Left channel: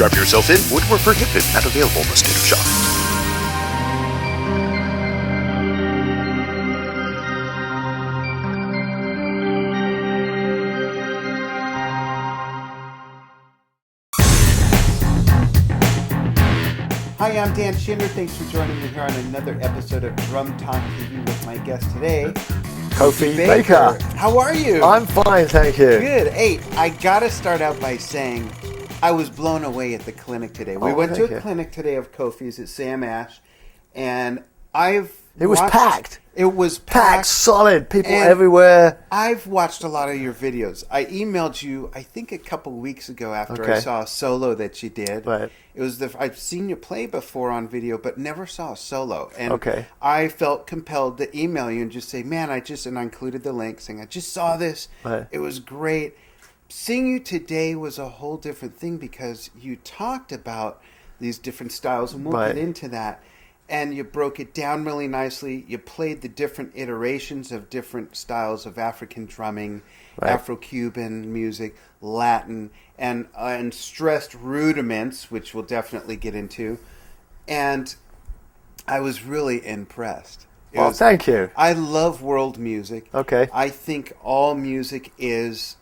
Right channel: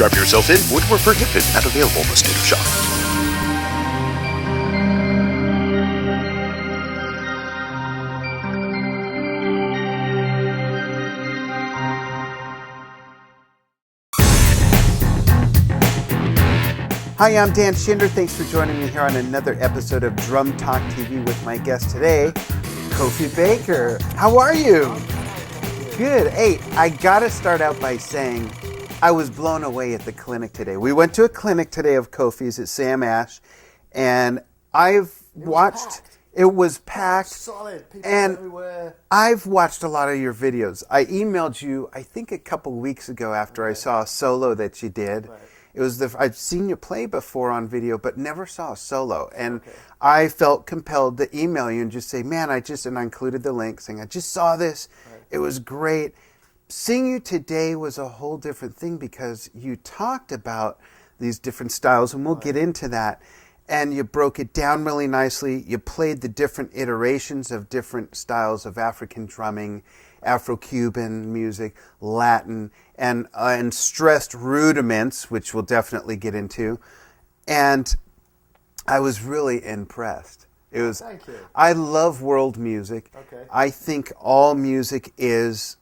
Strap yourself in, woodwork prohibited, not available in the state of shop. Hi, I'm Dan Schinder. Thanks for joining me here on another episode of Drum Talk TV with my guest today, Kofi Baker. How are you? I'm fine, thank you. Good. Hey, I gotta start out by saying I was blown away at the clinic today. We went to a clinic today of Kofi's at Sam Ash, and it was packed. It was packed, solid, people everywhere. I've watched a lot of your videos. I emailed you, I think, a couple weeks ago after I saw a solo that you did. Right. It was I've seen you play before on video, but never saw a solo. And Okay. I felt compelled to email you and just say, man, and I included the link saying, I just saw this. Right. It was great. Seeing you today was a whole different thing because you talked about these different styles, and we'll get into that. And you broke it down really nicely. You played the different iterations of different styles of African drumming, Afro-Cuban music, Latin, and stressed rudiments, which we'll definitely get into. And I was really impressed. Thank you. I love world music. Okay. I think all music is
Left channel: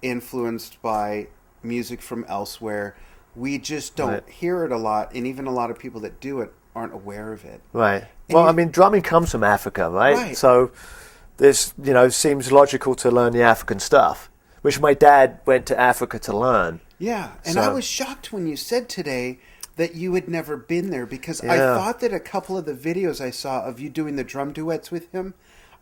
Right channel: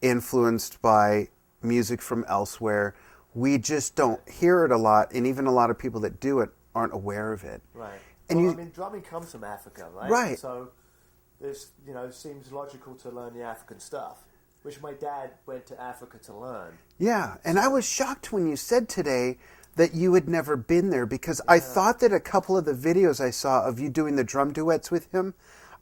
influenced by music from elsewhere. We just don't hear it a lot, and even a lot of people that do it aren't aware of it. Right. And drumming comes from Africa, right? So this, seems logical to learn the African stuff, which my dad went to Africa to learn. Yeah, and I was shocked when you said today that you had never been there, because I thought that a couple of the videos I saw of you doing the drum duets with him,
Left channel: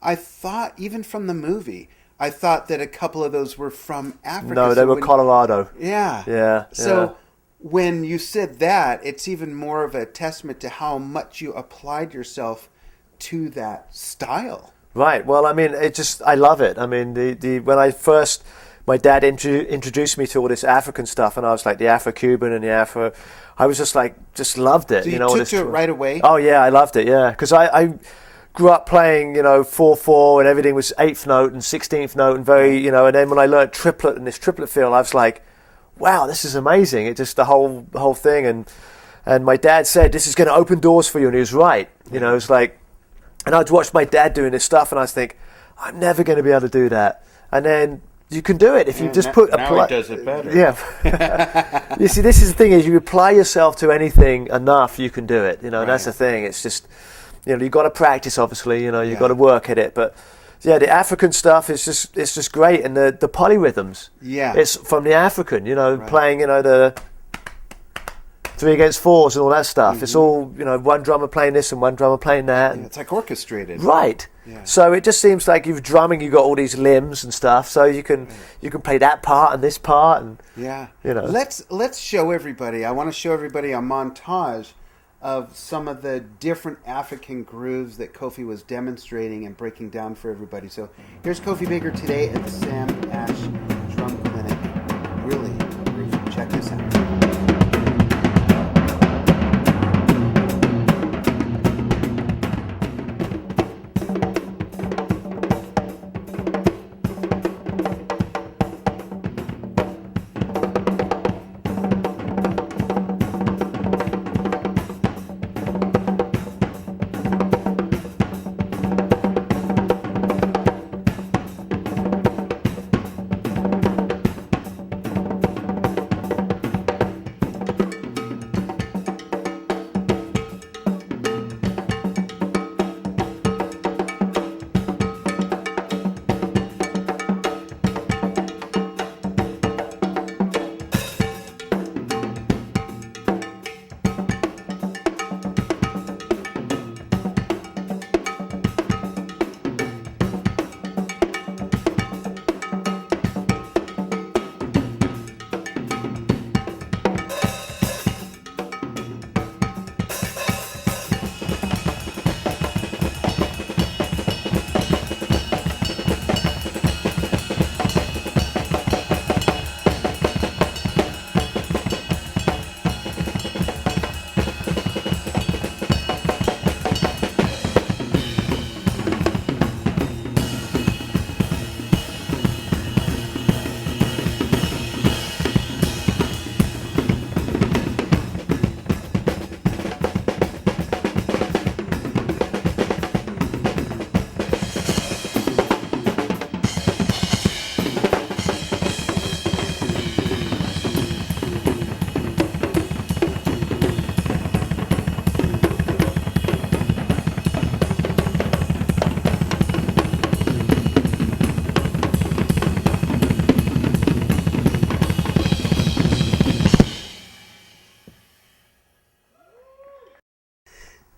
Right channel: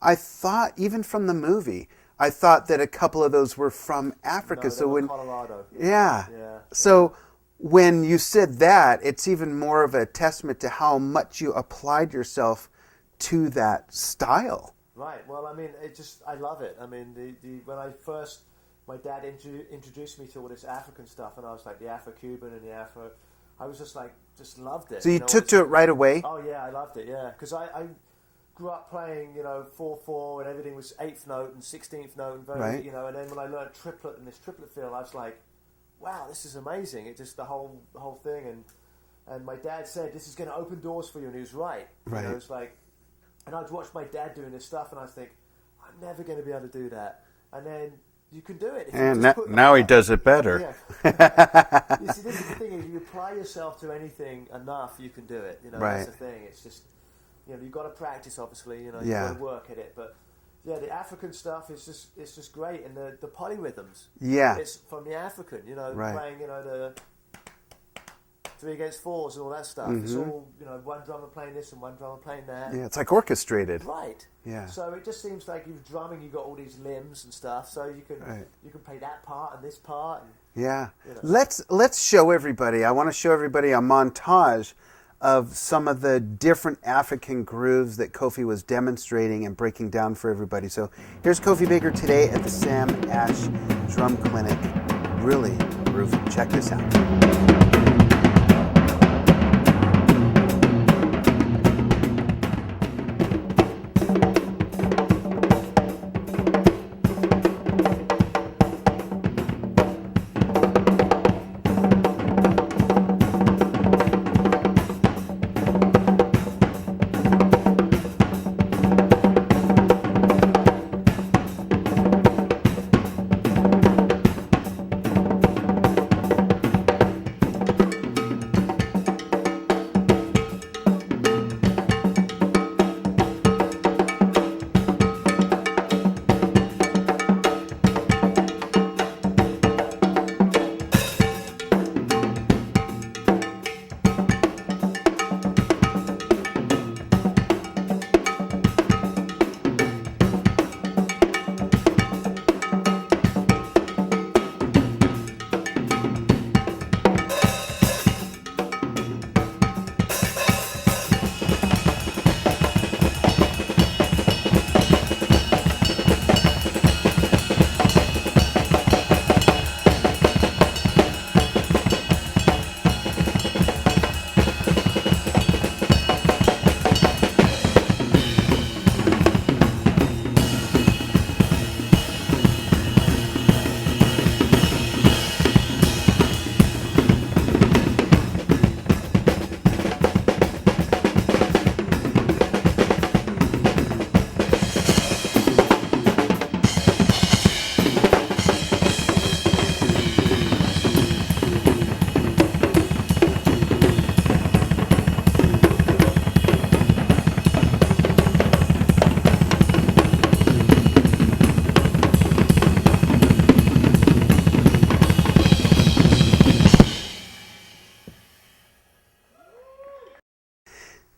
I thought, even from the movie, I thought that a couple of those were from Africa. No, they were Colorado. Yeah. Yeah. So when you said that, it's even more of a testament to how much you applied yourself to that style. Right. Well, I mean, I love it. I mean, when my dad introduced me to all this African stuff, and I was like the Afro-Cuban and the Afro, I was just loved it. So you took to it right away? Oh yeah, I loved it. Yeah, because I grew up playing, 4/4, and everything was 8th note and 16th note, and and then when I learned triplet and this triplet feel, I was like, wow, this is amazing. It just the whole thing, and my dad said this is going to open doors for you, and he was right. It's like, and I'd watch my dad doing this stuff, and I was think, I'm never going to be able to do that. And then you can do it if you just put. Now he does it better. Yeah. You see, this is the thing: is you apply yourself to anything enough, you can do it. And that's the thing. It's just, you've got to practice. Obviously, you've got to work at it, but. Yeah, the African stuff is just great, and the polyrhythms. Yeah, it's from the African, playing the 3 against 4s and all that stuff. Mm-hmm. It's all one drummer playing this and one drummer playing that. Yeah, it's like orchestrated. Right. Yeah. So it just seems like you're drumming. You've got all these limbs and stuff, so you can play that part and this part and Let's show everybody. I want to show everybody a montage of some of the different African grooves that Kofi was demonstrating and breaking down for everybody. So here's Kofi Baker today at the Sam Ash Drum Clinic. Really groovy. Check this out.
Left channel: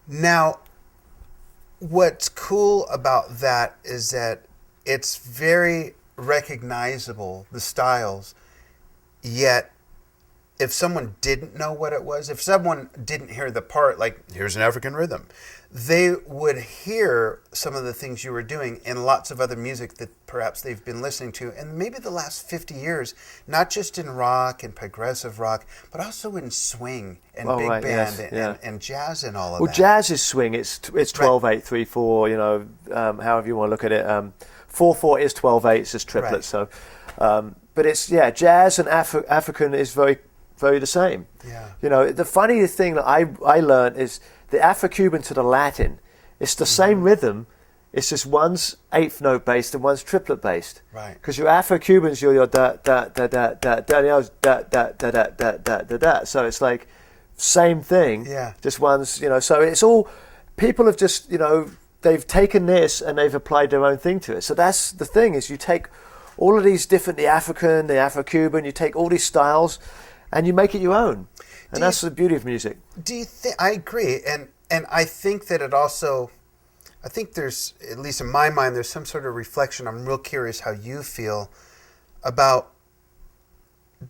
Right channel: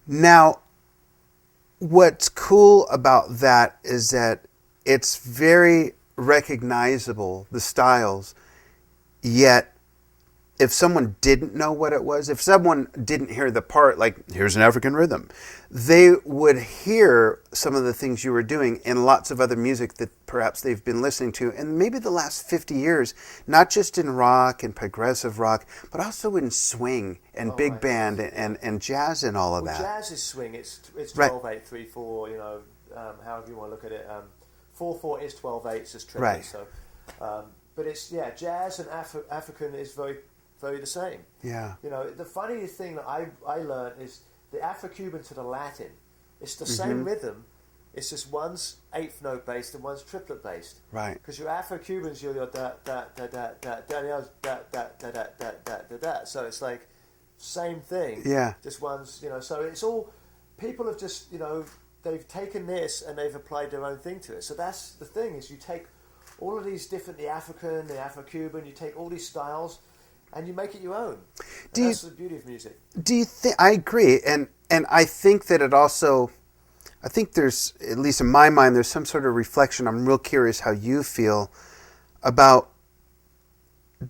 Now, what's cool about that is that it's very recognizable, the styles, yet if someone didn't know what it was, if someone didn't hear the part, like, here's an African rhythm, they would hear some of the things you were doing in lots of other music that perhaps they've been listening to in maybe the last 50 years, not just in rock and progressive rock, but also in swing and big band and jazz and all of that. Well, jazz is swing. It's 12/8/3/4. You know, however you want to look at it. 4/4 is 12/8. It's just triplets. Right. So, but it's jazz and African is very the same. Yeah. You know, the funny thing that I learned is the Afro-Cuban to the Latin. It's the same rhythm. It's just one's eighth note based and one's triplet based. Right. Because your Afro-Cubans, you're your da da da da da da da da da da da da da da. So it's like same thing. Yeah. Just one's, you know. So it's all people have just, you know, they've taken this and they've applied their own thing to it. So that's the thing is you take all of these different, the African, the Afro-Cuban, you take all these styles. And you make it your own, and that's the beauty of music. Do you think? I agree, and I think that it also, I think there's, at least in my mind, there's some sort of reflection. I'm real curious how you feel about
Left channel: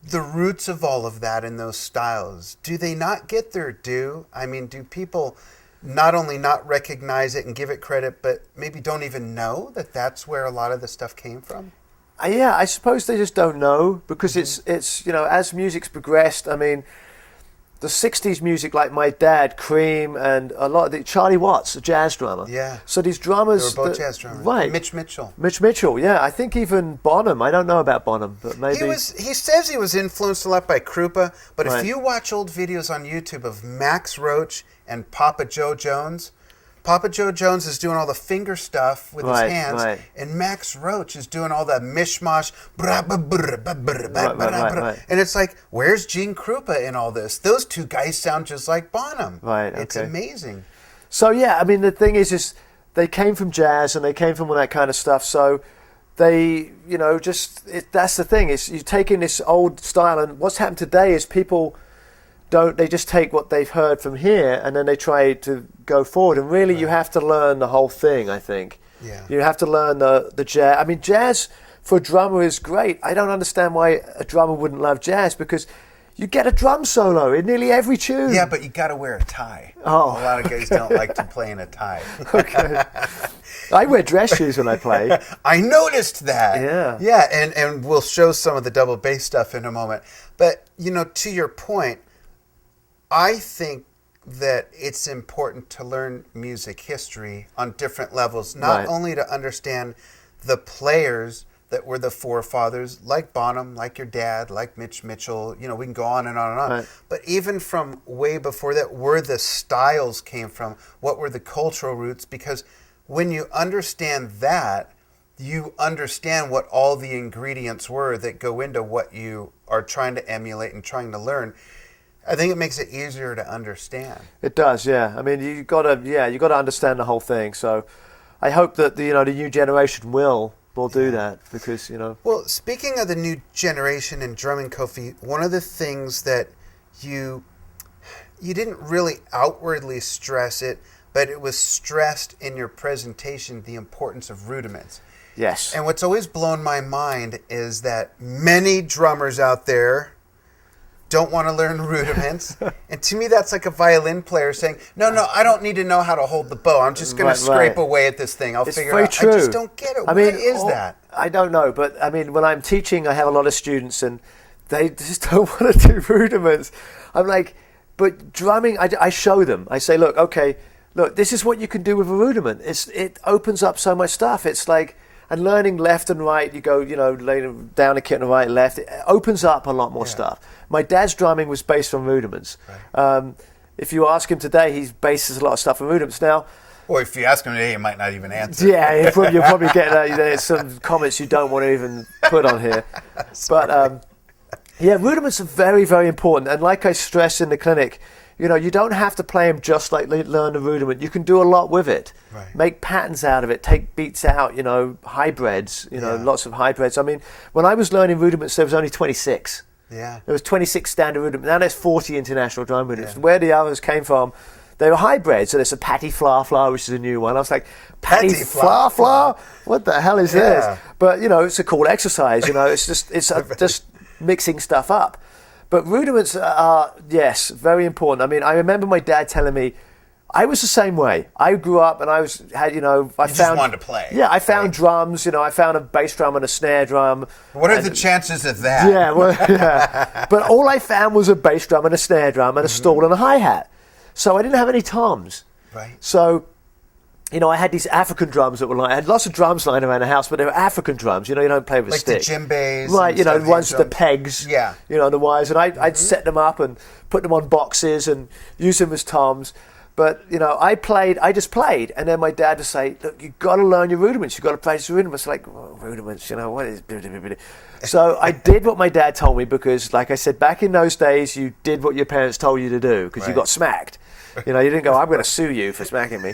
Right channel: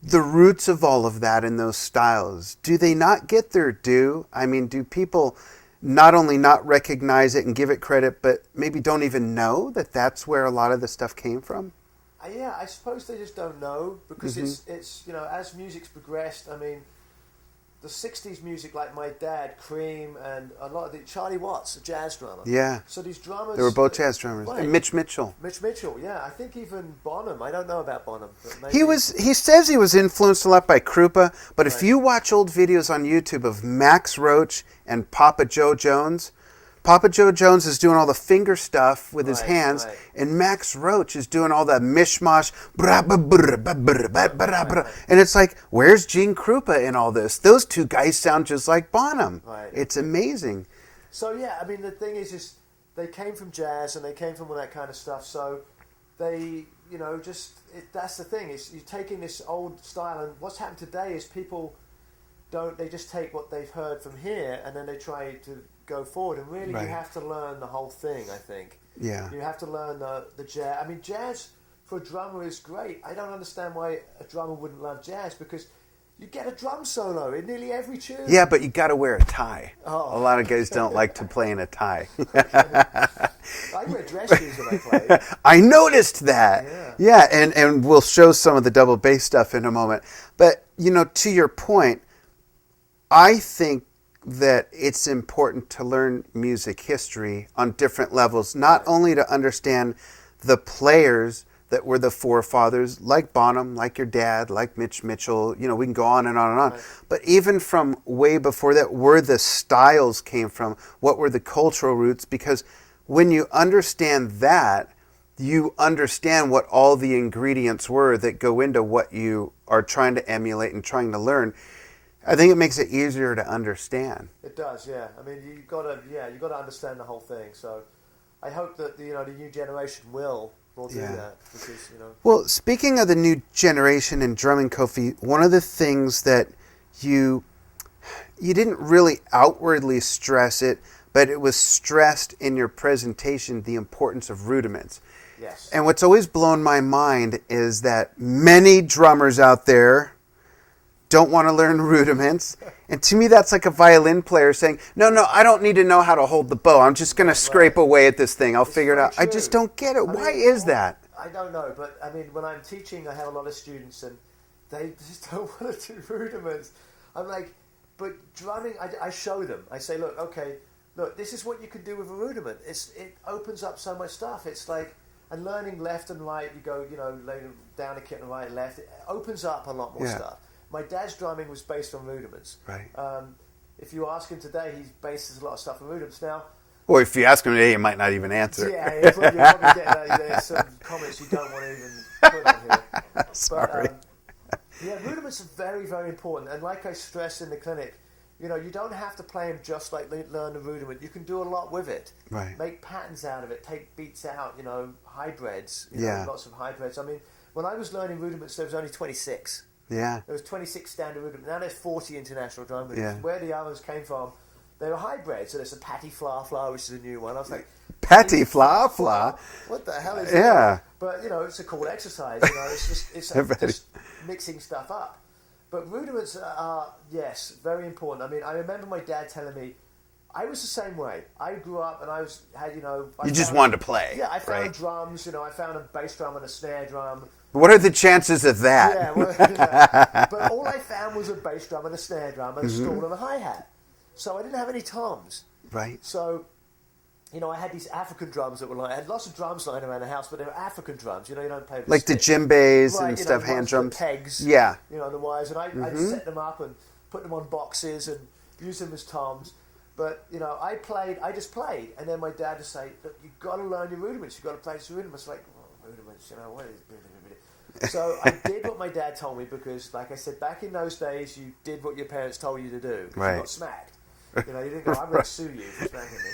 the roots of all of that in those styles. Do they not get their due? I mean, do people not only not recognize it and give it credit, but maybe don't even know that that's where a lot of the stuff came from? Yeah, I suppose they just don't know because it's you know, as music's progressed. I mean, the '60s music, like my dad, Cream, and a lot of the Charlie Watts, a jazz drummer. Yeah. So these drummers, they were both jazz drummers. Right. And Mitch Mitchell. Mitch Mitchell. Yeah, I think even Bonham. I don't know about Bonham, but maybe He says he was influenced a lot by Krupa, but Right. if you watch old videos on YouTube of Max Roach and Papa Joe Jones. Papa Joe Jones is doing all the finger stuff with his hands, and Max Roach is doing all that mishmash, and it's like, where's Gene Krupa in all this? Those two guys sound just like Bonham. Right, okay. It's amazing. So yeah, I mean the thing is they came from jazz and they came from all that kind of stuff. So they, you know, that's the thing is you take in this old style, and what's happened today is people they just take what they've heard from here and then they try to go forward. And really, you have to learn the whole thing, I think. Yeah. You have to learn the jazz. I mean, jazz for a drummer is great. I don't understand why a drummer wouldn't love jazz because you get a drum solo in nearly every tune. Yeah, but you got to wear a tie. Oh. A lot of guys don't like to play in a tie. Okay. I wear dress shoes when I play. I noticed that. Yeah. Yeah, and we'll show some of the double bass stuff in a moment. But, you know, to your point, I think that it's important to learn music history on different levels, not only to understand the players that were the forefathers, like Bonham, like your dad, like Mitch Mitchell, you know, we can go on and on and on. Right. But even from way before that, where the styles came from, what were the cultural roots, because when you understand that, you understand what all the ingredients were that go into what you are trying to emulate and trying to learn. I think it makes it easier to understand. It does, yeah. I mean, you gotta understand the whole thing. So, I hope that the new generation will do that because you know. Well, speaking of the new generation in drumming, Kofi, one of the things that you didn't really outwardly stress it, but it was stressed in your presentation, the importance of rudiments. Yes. And what's always blown my mind is that many drummers out there don't want to learn rudiments. And to me, that's like a violin player saying, no, I don't need to know how to hold the bow. I'm just going to scrape away at this thing. I'll figure it out. True. I just don't get it. Why is that? I don't know. But, I mean, when I'm teaching, I have a lot of students, and they just don't want to do rudiments. I'm like, but drumming, I show them. I say, look, this is what you can do with a rudiment. It opens up so much stuff. It's like, and learning left and right, you go, lay down a kit and right and left. It opens up a lot more stuff. My dad's drumming was based on rudiments. Right. If you ask him today, he bases a lot of stuff on rudiments. Now, or if you ask him today, he might not even answer. Yeah, you're probably getting some comments you don't want to even put on here. But rudiments are very, very important. And like I stress in the clinic, you don't have to play them just like learn the rudiment. You can do a lot with it. Right. Make patterns out of it. Take beats out. Hybrids. Lots of hybrids. I mean, when I was learning rudiments, there was only 26. Yeah. There was 26 standard rudiments. Now there's 40 international drum rudiments. Yeah. Where the others came from, they were hybrids. So there's a patty fla fla, which is a new one. I was like, Patty fla fla? What the hell is this? But it's a cool exercise. It's just mixing stuff up. But rudiments are, yes, very important. I mean, I remember my dad telling me, I was the same way. I grew up and I just wanted to play. Yeah, I found drums. I found a bass drum and a snare drum. What are the chances of that? Yeah, but all I found was a bass drum and a snare drum and a stall and a hi-hat. So I didn't have any toms. Right. So, I had these African drums that were I had lots of drums lying around the house, but they were African drums. You don't play with a stick. Like the djembes. Right, and ones with the pegs. Yeah. The wires. And I'd set them up and put them on boxes and use them as toms. But, I just played. And then my dad would say, look, you've got to learn your rudiments. You've got to practice your rudiments. Like, rudiments, what is... So I did what my dad told me because, like I said, back in those days, you did what your parents told you to do because you got smacked. You didn't go, I'm going to sue you for smacking me.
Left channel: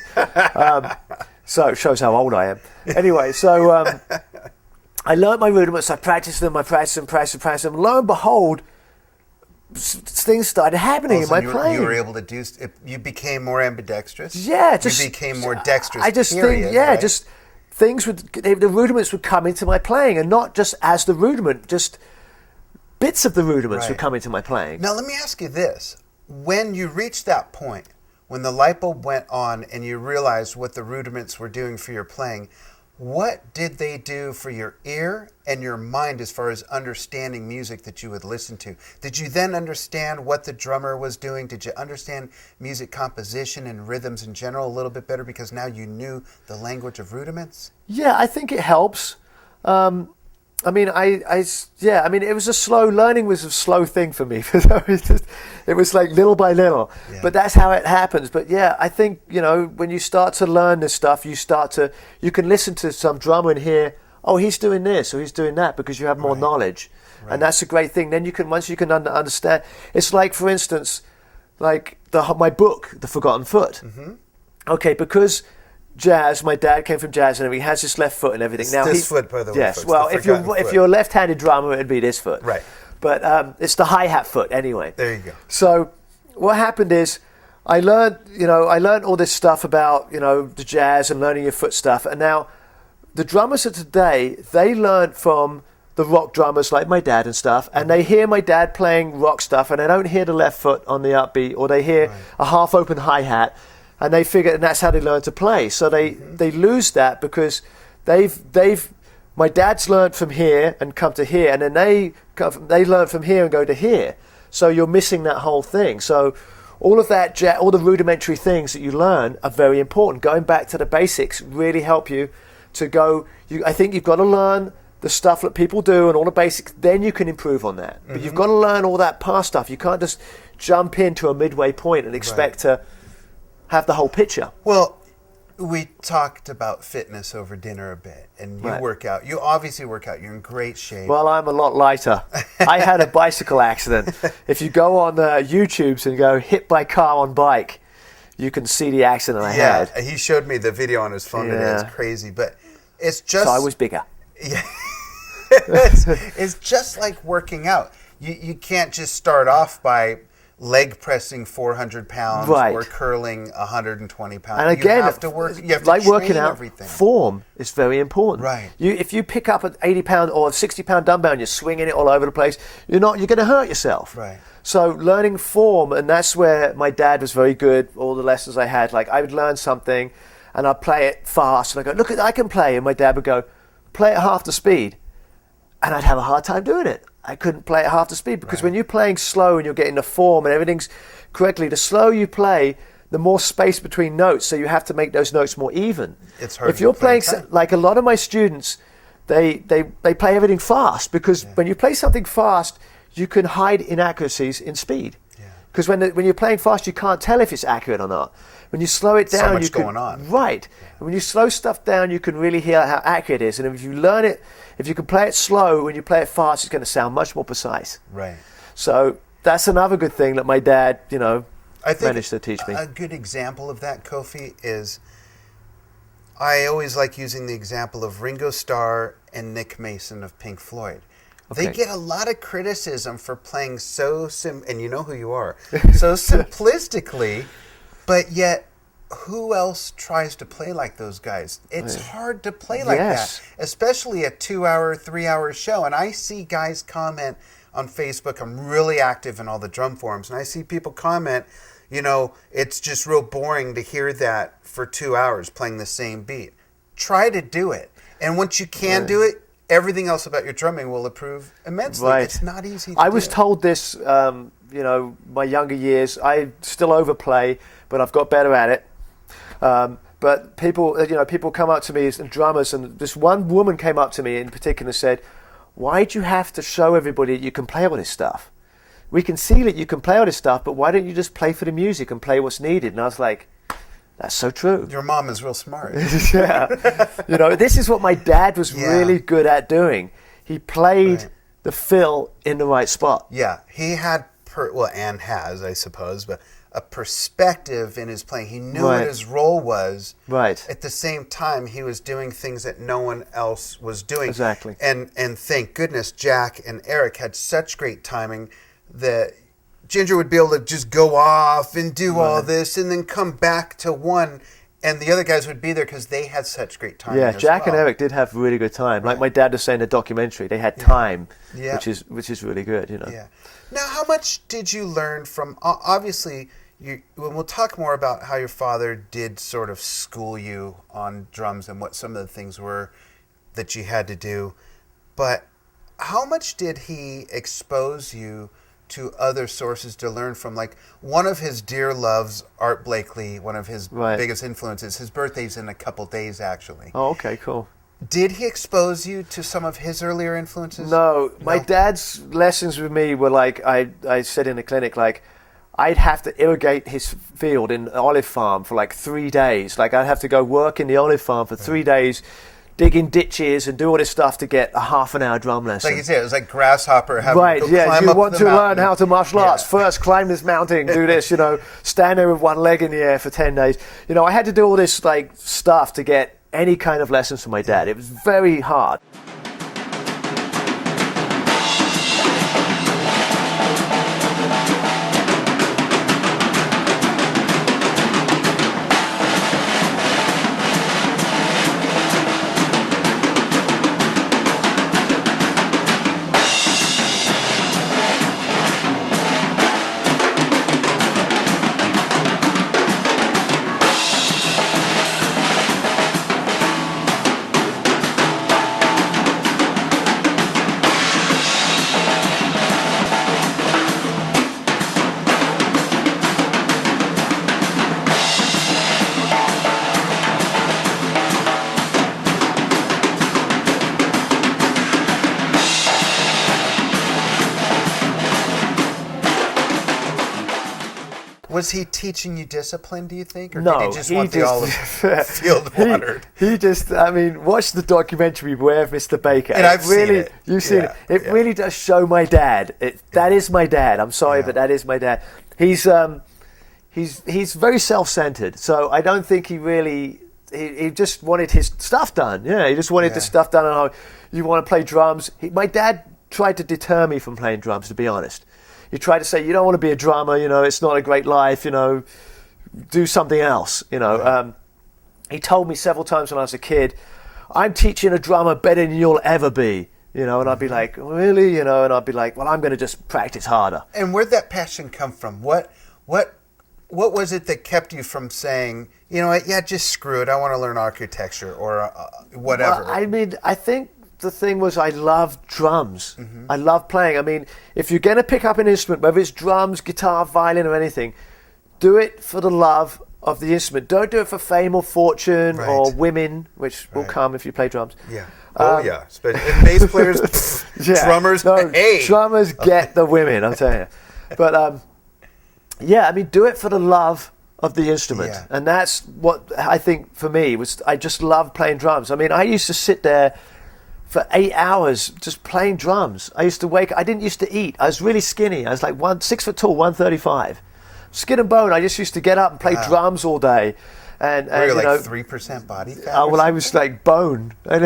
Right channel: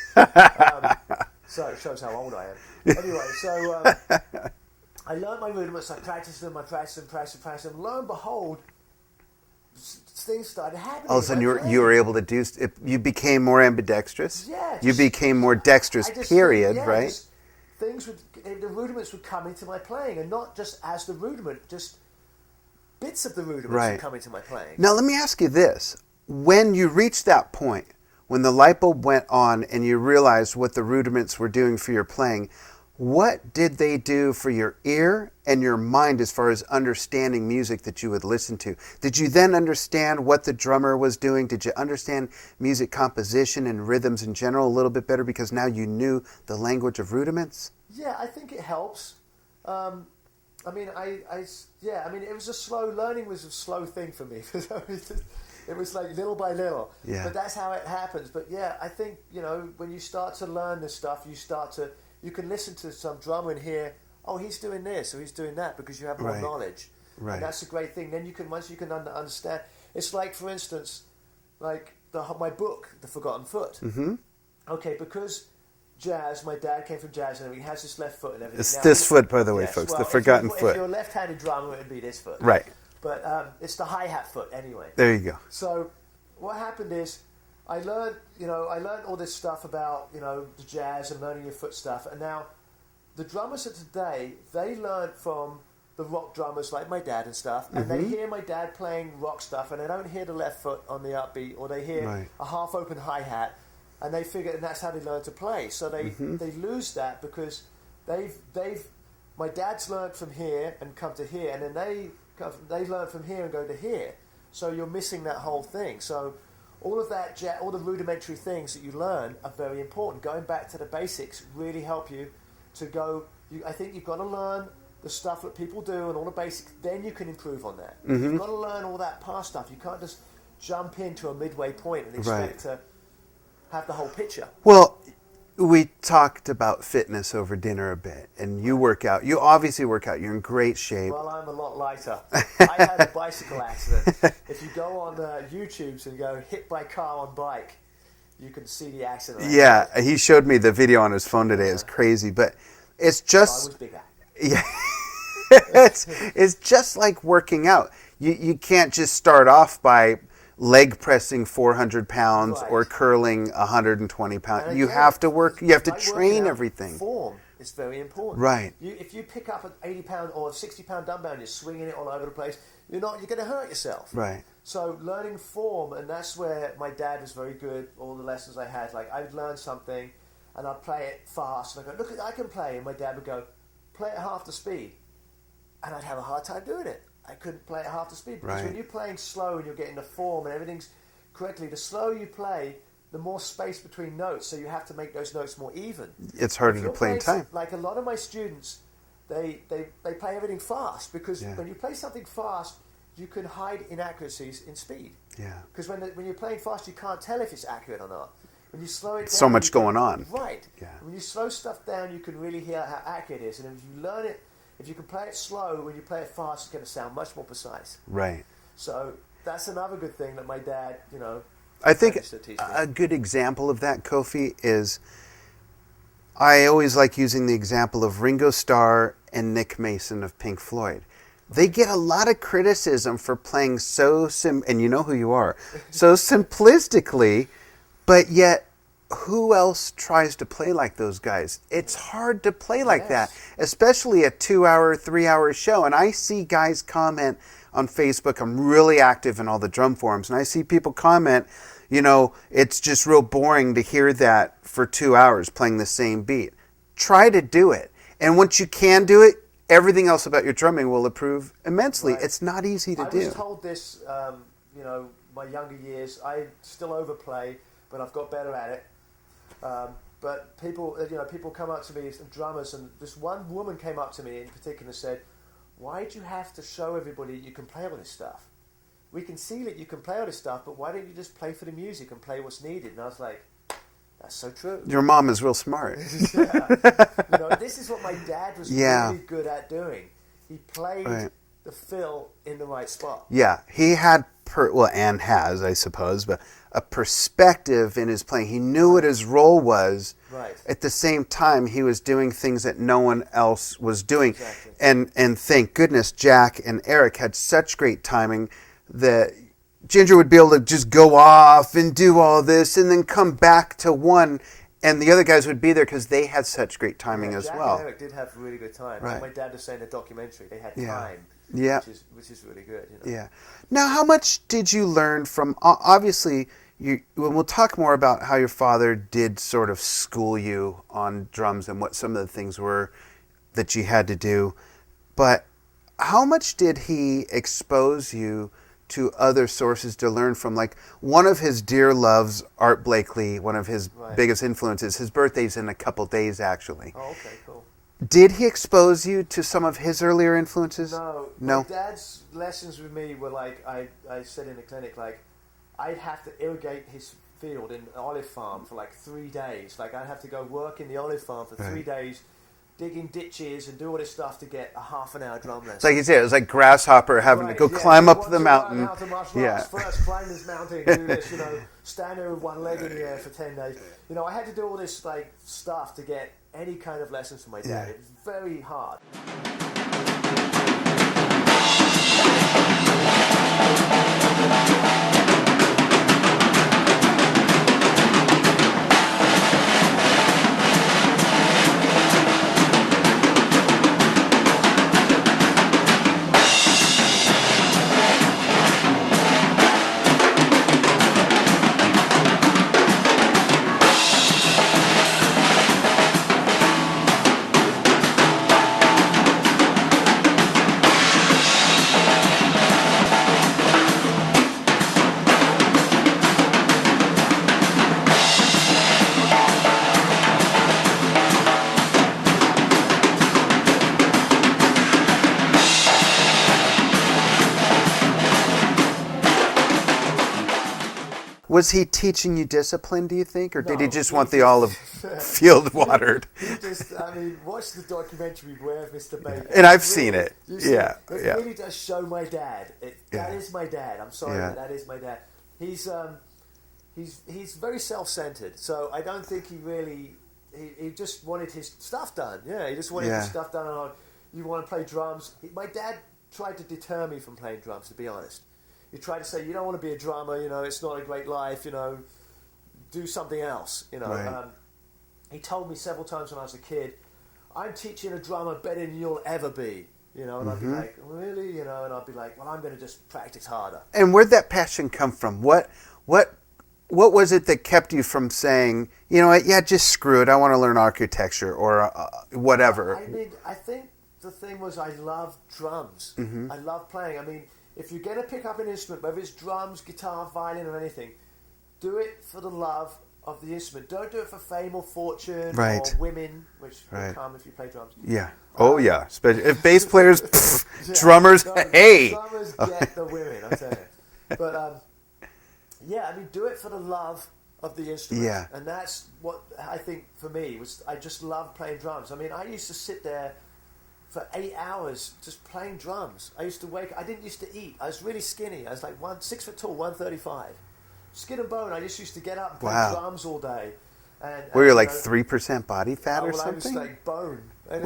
So it shows how old I am. Anyway, so I learned my rudiments. I practiced them. Lo and behold, things started happening in my playing. You were able to do. You became more ambidextrous. Yeah, you became more dexterous. Right? Just the rudiments would come into my playing, and not just as the rudiment, just bits of the rudiments would come into my playing. Now, let me ask you this: when you reached that point, when the light bulb went on, and you realized what the rudiments were doing for your playing, what did they do for your ear and your mind as far as understanding music that you would listen to? Did you then understand what the drummer was doing? Did you understand music composition and rhythms in general a little bit better because now you knew the language of rudiments? Yeah, I think it helps. It was a slow learning was a slow thing for me. It was like little by little, but that's how it happens. But yeah, I think, when you start to learn this stuff, you can listen to some drummer and hear, oh, he's doing this or he's doing that because you have more knowledge. Right. And that's a great thing. Then once you can understand, it's like, for instance, like my book, The Forgotten Foot. Mm-hmm. Okay, because jazz, my dad came from jazz and everything, he has his left foot and everything. It's this foot, by the way, folks, the forgotten foot. If you're a left-handed drummer, it'd be this foot. Right. But it's the hi-hat foot anyway. There you go. So what happened is I learned all this stuff about, the jazz and learning your foot stuff. And now the drummers of today, they learn from the rock drummers like my dad and stuff, and they hear my dad playing rock stuff and they don't hear the left foot on the upbeat, or they hear a half-open hi-hat, and they figure, and that's how they learn to play. So they lose that because my dad's learned from here and come to here, and then they learn from here and go to here. So you're missing that whole thing. So all of that, all the rudimentary things that you learn are very important. Going back to the basics really help you to go. I think you've got to learn the stuff that people do and all the basics. Then you can improve on that. But you've got to learn all that past stuff. You can't just jump into a midway point and expect to have the whole picture. Well, we talked about fitness over dinner a bit, and you work out. You obviously work out. You're in great shape. Well, I'm a lot lighter. I had a bicycle accident. If you go on YouTube's and go hit by car on bike, you can see the accident I had. Yeah, he showed me the video on his phone today. It's crazy, but it's just... So I was bigger. Yeah. it's just like working out. You can't just start off by leg pressing 400 pounds or curling 120 pounds. And again, you have to work. You have to train everything. Form is very important. Right. If you pick up an 80-pound or 60-pound dumbbell and you're swinging it all over the place, you're going to hurt yourself. Right. So learning form, and that's where my dad was very good. All the lessons I had, like I would learn something, and I'd play it fast, and I go, look, I can play, and my dad would go, play at half the speed, and I'd have a hard time doing it. I couldn't play at half the speed because when you're playing slow and you're getting the form and everything's correctly, the slower you play, the more space between notes, so you have to make those notes more even. It's hard if you're playing like a lot of my students, they play everything fast because when you play something fast, you can hide inaccuracies in speed. Yeah. Because when you're playing fast, you can't tell if it's accurate or not. When you slow it down, so much going on. Right. Yeah. When you slow stuff down, you can really hear how accurate it is, and if you learn it. If you can play it slow, when you play it fast, it's going to sound much more precise. Right. So that's another good thing that my dad, managed to teach me. A good example of that, Kofi, is I always like using the example of Ringo Starr and Nick Mason of Pink Floyd. Okay. They get a lot of criticism for playing and you know who you are, so simplistically, But yet, who else tries to play like those guys? It's hard to play like that, especially a 2-hour, 3-hour show. And I see guys comment on Facebook. I'm really active in all the drum forums, and I see people comment, it's just real boring to hear that for 2 hours playing the same beat. Try to do it. And once you can do it, everything else about your drumming will improve immensely. Right. It's not easy to do. I was told this, my younger years. I still overplay, but I've got better at it. But people come up to me and drummers, and this one woman came up to me in particular and said, "Why do you have to show everybody that you can play all this stuff? We can see that you can play all this stuff, but why don't you just play for the music and play what's needed?" And I was like, that's so true. Your mom is real smart. Yeah. This is what my dad was really good at doing. He played the fill in the right spot. Yeah, he had, and has, I suppose, but a perspective in his playing. He knew what his role was. Right. At the same time, he was doing things that no one else was doing. Exactly. And thank goodness Jack and Eric had such great timing that Ginger would be able to just go off and do all this and then come back to one, and the other guys would be there because they had such great timing as well. Yeah, Jack and Eric did have really good time. Like my dad was saying in the documentary, they had time, which is really good. Yeah. Now, how much did you learn from, obviously, we'll talk more about how your father did sort of school you on drums and what some of the things were that you had to do, but how much did he expose you to other sources to learn from? Like, one of his dear loves, Art Blakely, one of his biggest influences. His birthday's in a couple days, actually. Oh, okay, cool. Did he expose you to some of his earlier influences? No. My dad's lessons with me were like, I said in the clinic, like, I'd have to irrigate his field in an olive farm for like 3 days. Like, I'd have to go work in the olive farm for 3 days, digging ditches and do all this stuff to get a half-an-hour drum lesson. Like you said, it was like grasshopper having to go climb up the mountain. You want to learn how to martial arts. First, climb this mountain, do this, stand there with one leg in the air for 10 days. I had to do all this like stuff to get any kind of lessons from my dad. It was very hard. Was he teaching you discipline, do you think? Or No, did he just want the olive field watered? He just, watch the documentary Beware of Mr. Baker. And I've seen it. You've seen it. It really does show my dad. That is my dad. I'm sorry, but that is my dad. He's very self-centered. So I don't think he really, he just wanted his stuff done. Yeah, he just wanted the stuff done. And you want to play drums. My dad tried to deter me from playing drums, to be honest. He tried to say, you don't want to be a drummer, it's not a great life, do something else, He told me several times when I was a kid, I'm teaching a drummer better than you'll ever be, and I'd be like, really? And I'd be like, well, I'm going to just practice harder. And where'd that passion come from? What was it that kept you from saying, just screw it, I want to learn architecture or whatever? Well, I think the thing was I love drums. I love playing. If you're going to pick up an instrument, whether it's drums, guitar, violin or anything, do it for the love of the instrument. Don't do it for fame or fortune or women, which will come if you play drums. Yeah. If bass players, drummers, hey. Drummers get the women, I'm telling you. But, do it for the love of the instrument. Yeah. And that's what I think for me was I just love playing drums. I used to sit there for 8 hours just playing drums. I used to I didn't used to eat. I was really skinny. I was like 6 foot tall, 135. Skin and bone. I just used to get up and play drums all day. And were you like 3% body fat? Well, I was like bone. I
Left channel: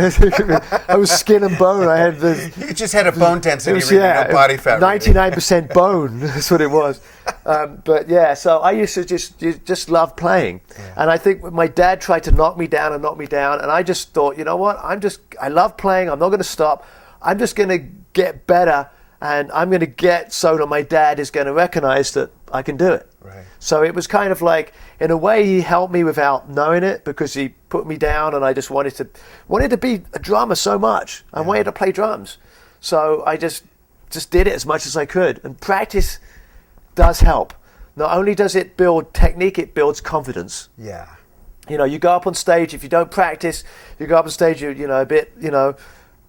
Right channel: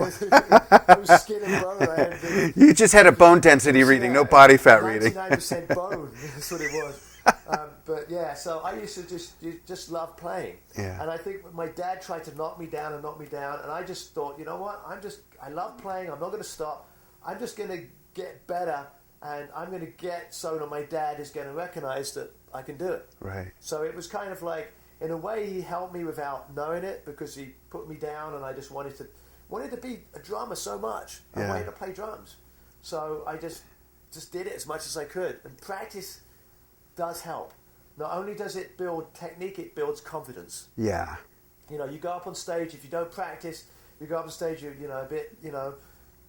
was skin and bone. I had you just had a bone density reading, no body fat 99% bone. That's what it was. But yeah, so I used to just love playing. Yeah. And I think my dad tried to knock me down, and I just thought, you know what? I love playing. I'm not going to stop. I'm just going to get better, and I'm going to get so that my dad is going to recognize that I can do it. Right. So it was kind of like, in a way, he helped me without knowing it, because he put me down, and I just wanted to be a drummer so much. I wanted to play drums. So I just did it as much as I could. And practice does help. Not only does it build technique, it builds confidence. Yeah. You go up on stage, if you don't practice, you go up on stage, a bit,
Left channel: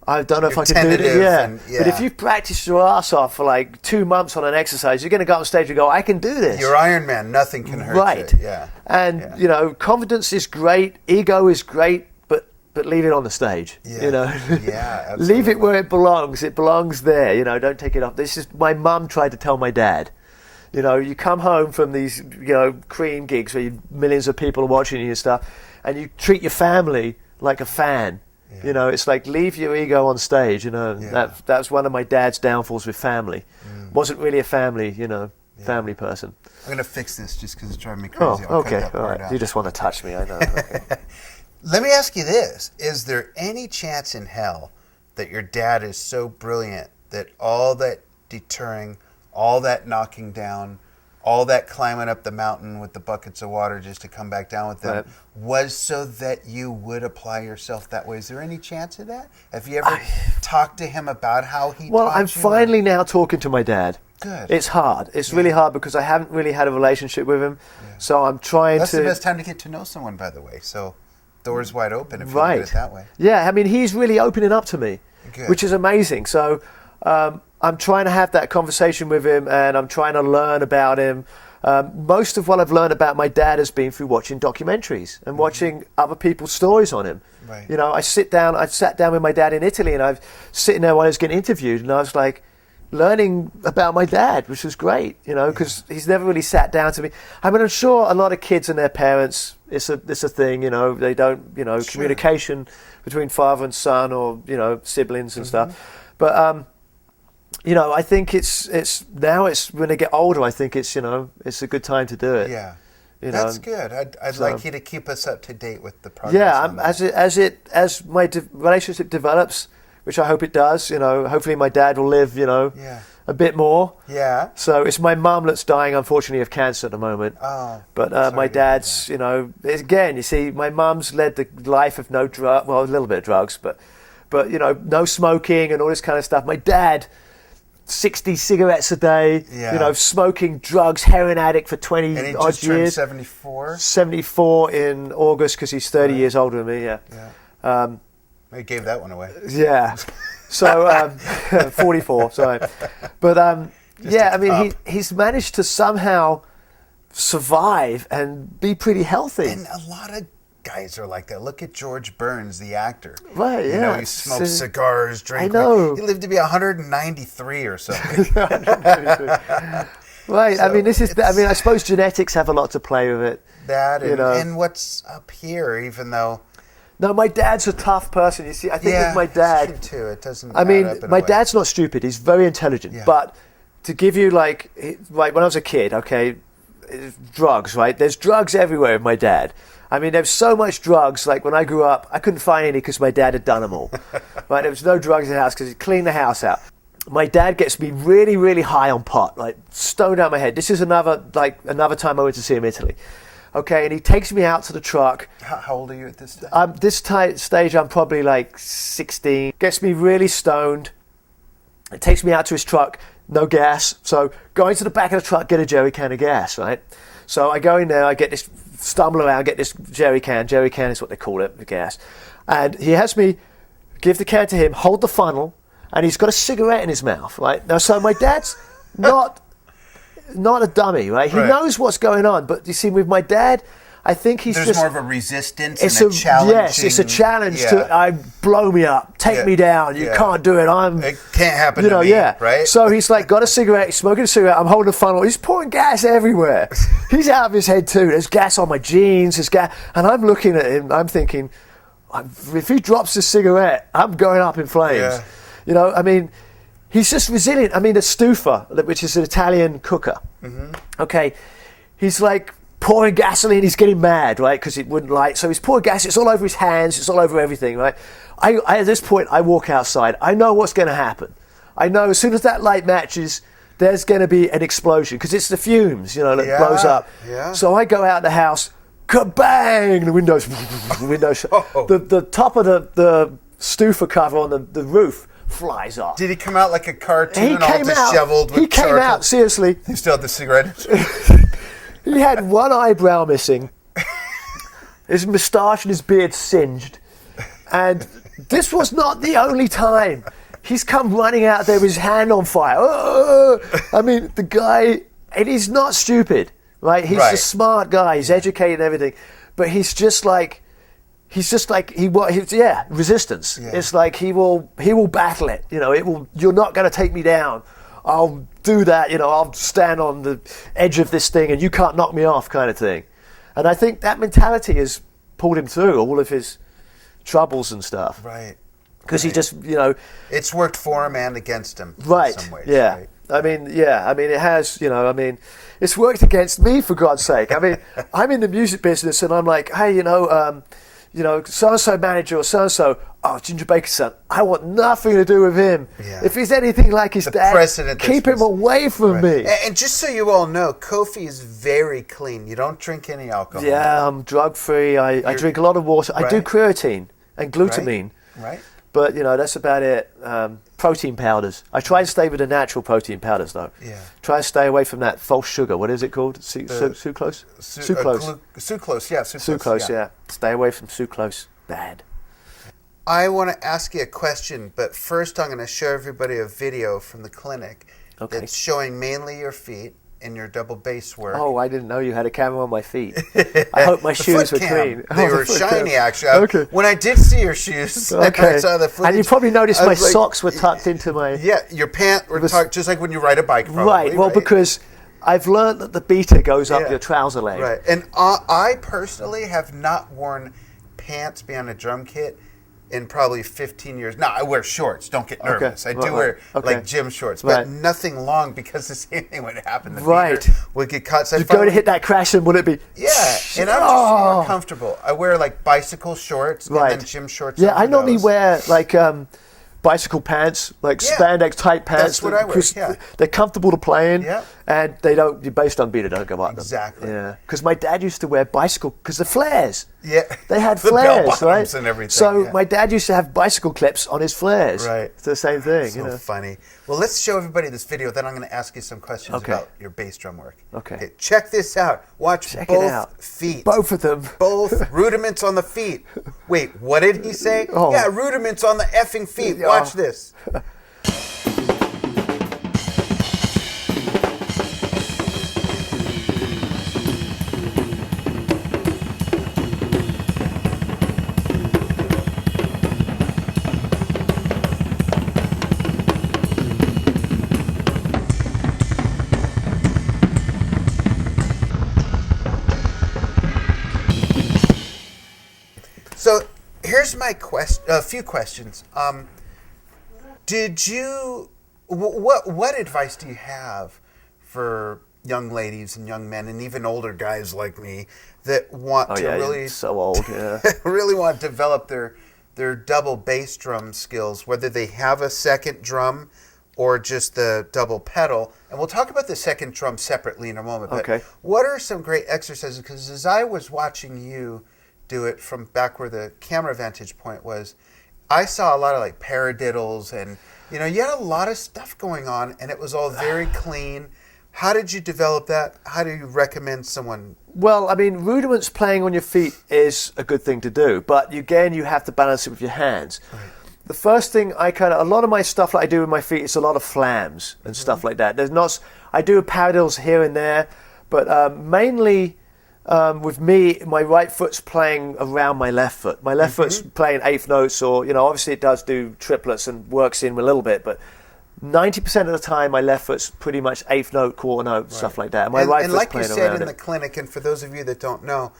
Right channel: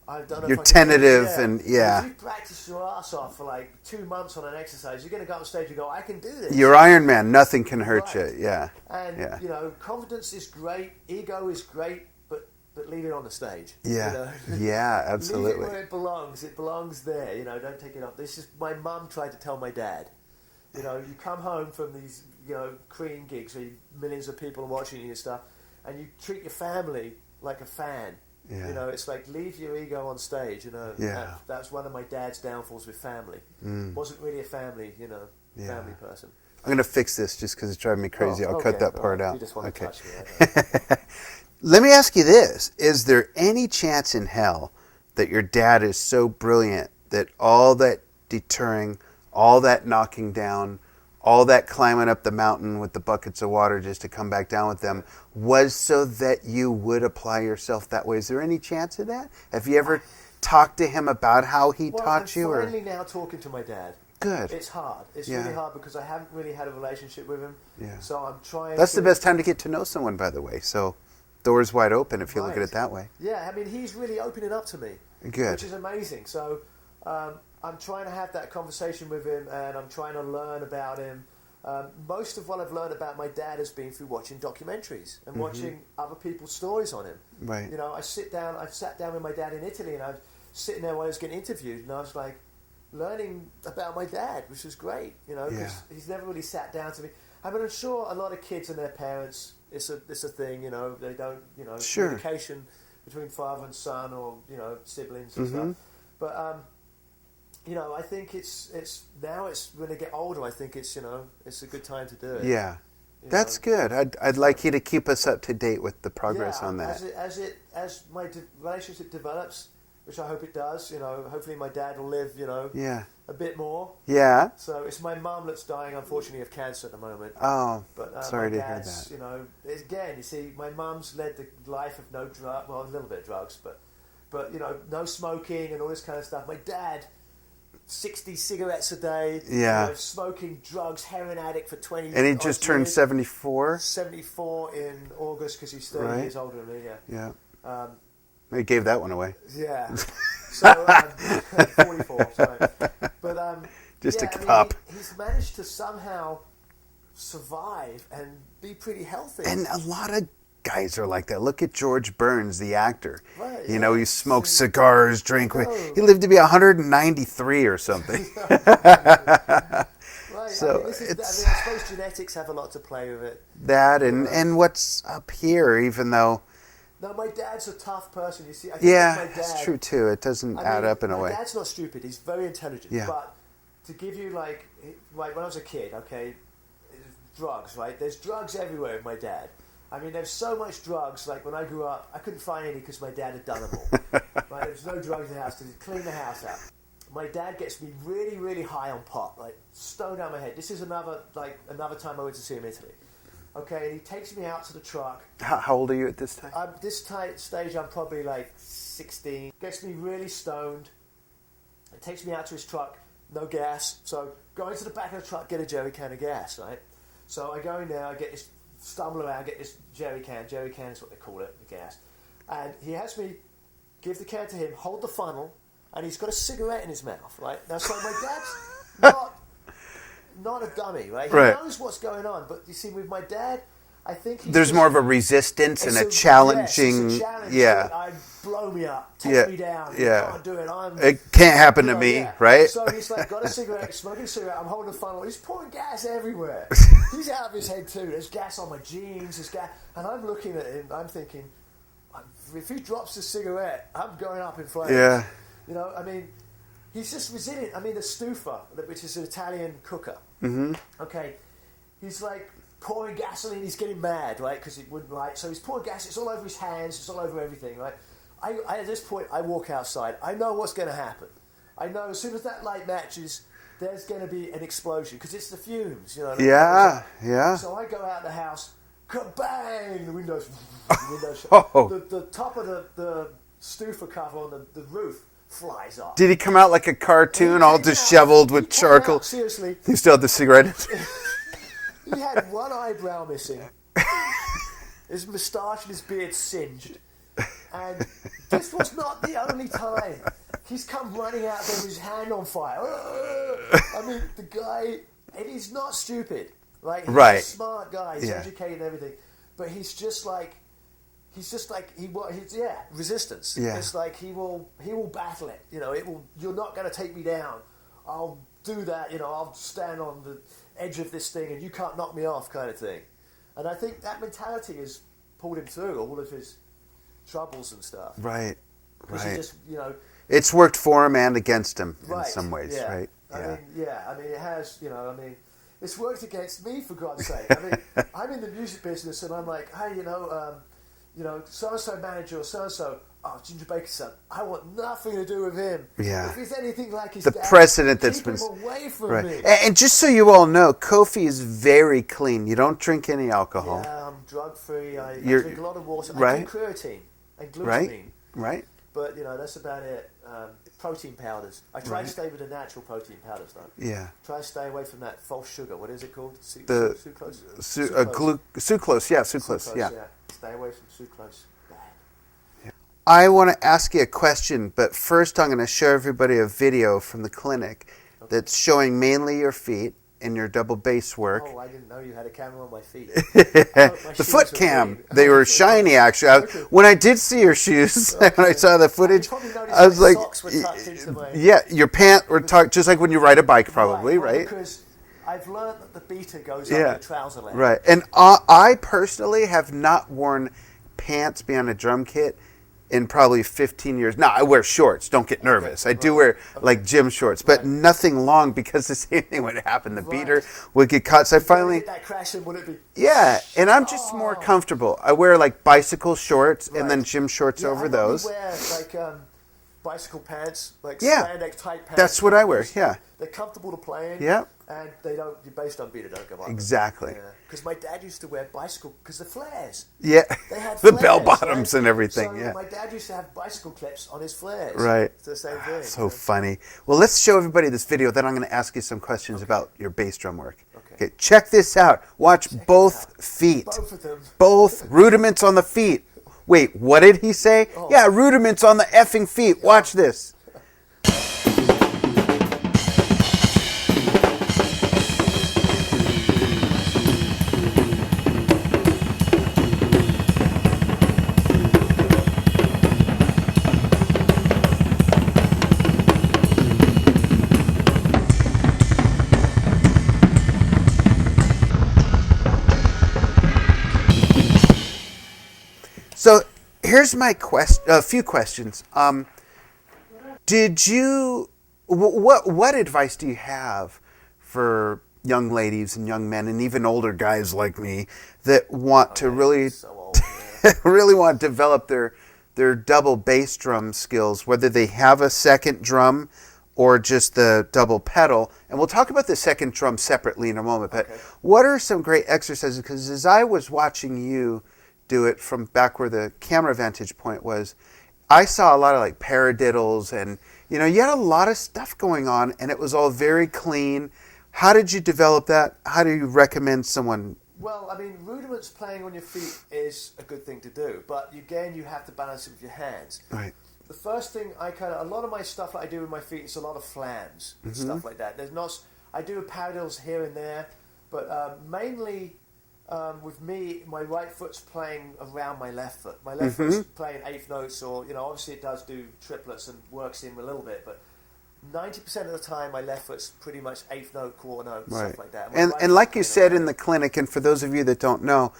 I don't know if I can do it. But if you've practiced your ass off for like 2 months on an exercise, you're going to go up on stage and go, I can do this. You're Iron Man. Nothing can hurt right. you. Yeah. And, confidence is great. Ego is great, but leave it on the stage. Yeah. Yeah, absolutely. Leave it where it belongs. It belongs there. Don't take it off. This is my mum tried to tell my dad. You come home from these, Cream gigs where millions of people are watching you and stuff, and you treat your family like a fan. Yeah. It's like, leave your ego on stage. That's one of my dad's downfalls with family. Wasn't really a family, family person. I'm going to fix this just because it's driving me crazy. I'll cut that part out. You just want to touch me, I know. Let me ask you this. Is there any chance in hell that your dad is so brilliant that all that deterring, all that knocking down, all that climbing up the mountain with the buckets of water just to come back down with them was so that you would apply yourself that way? Is there any chance of that? Have you ever talked to him about how he taught you? Well, I'm finally now talking to my dad. Good. It's hard. It's really hard because I haven't really had a relationship with him. Yeah. So I'm trying That's the best time to get to know someone, by the way. So doors wide open if you look at it that way. Yeah, I mean, he's really opening up to me, which is amazing. So I'm trying to have that conversation with him, and I'm trying to learn about him. Most of what I've learned about my dad has been through watching documentaries and watching other people's stories on him. Right. I sat down with my dad in Italy, and I was sitting there while I was getting interviewed, and I was like learning about my dad, which was great, because he's never really sat down to me. I mean, I'm sure a lot of kids and their parents, it's a thing, they don't, communication between father and son, or, siblings and stuff. But, I think it's now when they get older, I think it's a good time to do it. Yeah. That's good. I'd like you to keep us up to date with the progress on that. As my relationship develops, which I hope it does, hopefully my dad will live, a bit more. Yeah. So it's my mum that's dying, unfortunately, of cancer at the moment. Oh. But my dad's, again, you see, my mum's led the life of no drug, well, a little bit of drugs, but no smoking and all this kind of stuff. My dad, 60 cigarettes a day, smoking drugs, heroin addict for 20 odd years. And he just turned 74? 74 in August, because he's 30 years older than me, Yeah. He gave that one away. Yeah. So, 44, sorry. But, he's managed to somehow survive and be pretty healthy. And a lot of guys are like that. Look at George Burns, the actor. Right, yeah. He smoked cigars, drank. He lived to be 193 or something. Right. So I suppose genetics have a lot to play with it. That and what's up here, even though. No, my dad's a tough person. You see, I think with my dad. It's true too. It doesn't add up in a way. My dad's not stupid. He's very intelligent. Yeah. But to give you like when I was a kid, drugs, right? There's drugs everywhere with my dad. I mean, there's so much drugs. Like when I grew up, I couldn't find any because my dad had done them all. Right? There was no drugs in the house because he cleaned the house out. My dad gets me really, really high on pot, like stoned out my head. This is another time I went to see him in Italy. Okay, and he takes me out to the truck. How old are you at this time? This stage, I'm probably like 16. Gets me really stoned. It takes me out to his truck, no gas. So go into the back of the truck, get a jerry can of gas, right? So I go in there, I get this, stumble around, get this jerry can. Jerry can is what they call it, the gas. And he has me give the can to him, hold the funnel, and he's got a cigarette in his mouth, right? Now, so my dad's not a dummy, right? He knows what's going on. But you see, with my dad, I think he's There's just, more of a resistance and a challenging. Yes, it's a challenge to blow me up, take me down. You can't do it. It can't happen to me, right? So he's like got a cigarette, he's smoking a cigarette. I'm holding a funnel. He's pouring gas everywhere. He's out of his head too. There's gas on my jeans. There's gas, and I'm looking at him. I'm thinking, if he drops a cigarette, I'm going up in flames. Yeah. You know, I mean, he's just resilient. I mean, the stufa, which is an Italian cooker. Mm-hmm. Okay, he's like pouring gasoline. He's getting mad, right? Because it wouldn't light. So he's pouring gas. It's all over his hands. It's all over everything, right? I at this point, I walk outside. I know what's going to happen. I know as soon as that light matches, there's going to be an explosion because it's the fumes, you know, that blows up. Yeah. So I go out the house, kabang! The windows, the top of the stufa cover on the roof flies off. Did he come out like a cartoon, all disheveled with charcoal? Seriously. He still had the cigarette. He had one eyebrow missing, his moustache and his beard singed, and this was not the only time. He's come running out there with his hand on fire. I mean, the guy, and he's not stupid, right? He's a smart guy. He's educated and everything, but he's just like resistance. Yeah. It's like he will battle it. You know, you're not going to take me down. I'll do that, you know, I'll stand on the edge of this thing and you can't knock me off kind of thing. And I think that mentality has pulled him through all of his troubles and stuff. Right. Because he just, you know... It's worked for him and against him in some ways, right? I mean, it has, you know, I mean, it's worked against me, for God's sake. I mean, I'm in the music business and I'm like, hey, you know, so-and-so manager or so-and-so, Ginger Baker's son, I want nothing to do with him. Yeah. If he's anything like his dad, keep him away from me. And just so you all know, Kofi is very clean. You don't drink any alcohol. Yeah, I'm drug-free. I drink a lot of water. I do creatine and glutamine. Right. But, you know, that's about it. Protein powders. I try and stay with the natural protein powders, though. Yeah. Try and stay away from that false sugar. What is it called? Sucrose? Sucrose, yeah. Sucrose, yeah. Stay away from sucrose. Bad. I want to ask you a question, but first I'm going to show everybody a video from the clinic that's showing mainly your feet and your double bass work. Oh, I didn't know you had a camera on my feet. I hope my shoes were clean. They were shiny, actually. When I did see your shoes, I saw the footage. And you probably noticed my socks were tucked into my... Yeah, your pants were tucked, just like when you ride a bike, probably, right? Well, because I've learned that the beater goes up your trouser leg. Right, and I personally have not worn pants beyond a drum kit in probably 15 years. Now, I wear shorts. Don't get nervous. I do wear like gym shorts, but nothing long because the same thing would happen. The beater would get caught. So I finally hit that crash and would it be? Yeah, and I'm just more comfortable. I wear like bicycle shorts and then gym shorts over those. I normally wear like bicycle pants, like spandex tight pants. That's what I wear, They're comfortable to play in, and they don't, your bass drum beater don't go up. Exactly. Yeah, because my dad used to wear bicycle, because the flares. Yeah. They had the flares, bell bottoms and everything. So my dad used to have bicycle clips on his flares. Right. It's the same thing. So funny. Well, let's show everybody this video, then I'm going to ask you some questions about your bass drum work. Okay. Check this out. Watch both feet. Both of them. Both rudiments on the feet. Wait, what did he say? Oh. Yeah, rudiments on the effing feet. Watch this. So here's my a few questions. Did you what advice do you have for young ladies and young men and even older guys like me that want to really really want to develop their double bass drum skills, whether they have a second drum or just the double pedal? And we'll talk about the second drum separately in a moment. But what are some great exercises? Because as I was watching you do it from back where the camera vantage point was, I saw a lot of like paradiddles and, you know, you had a lot of stuff going on and it was all very clean. How did you develop that? How do you recommend someone? Well, I mean, rudiments playing on your feet is a good thing to do, but again, you have to balance it with your hands. Right. The first thing a lot of my stuff that I do with my feet is a lot of flams and stuff like that. I do paradiddles here and there, but mainly with me, my right foot's playing around my left foot. My left foot's playing eighth notes, or obviously it does do triplets and works in a little bit, but 90% of the time, my left foot's pretty much eighth note, quarter note, stuff like that. And like you said in the clinic, and for those of you that don't know,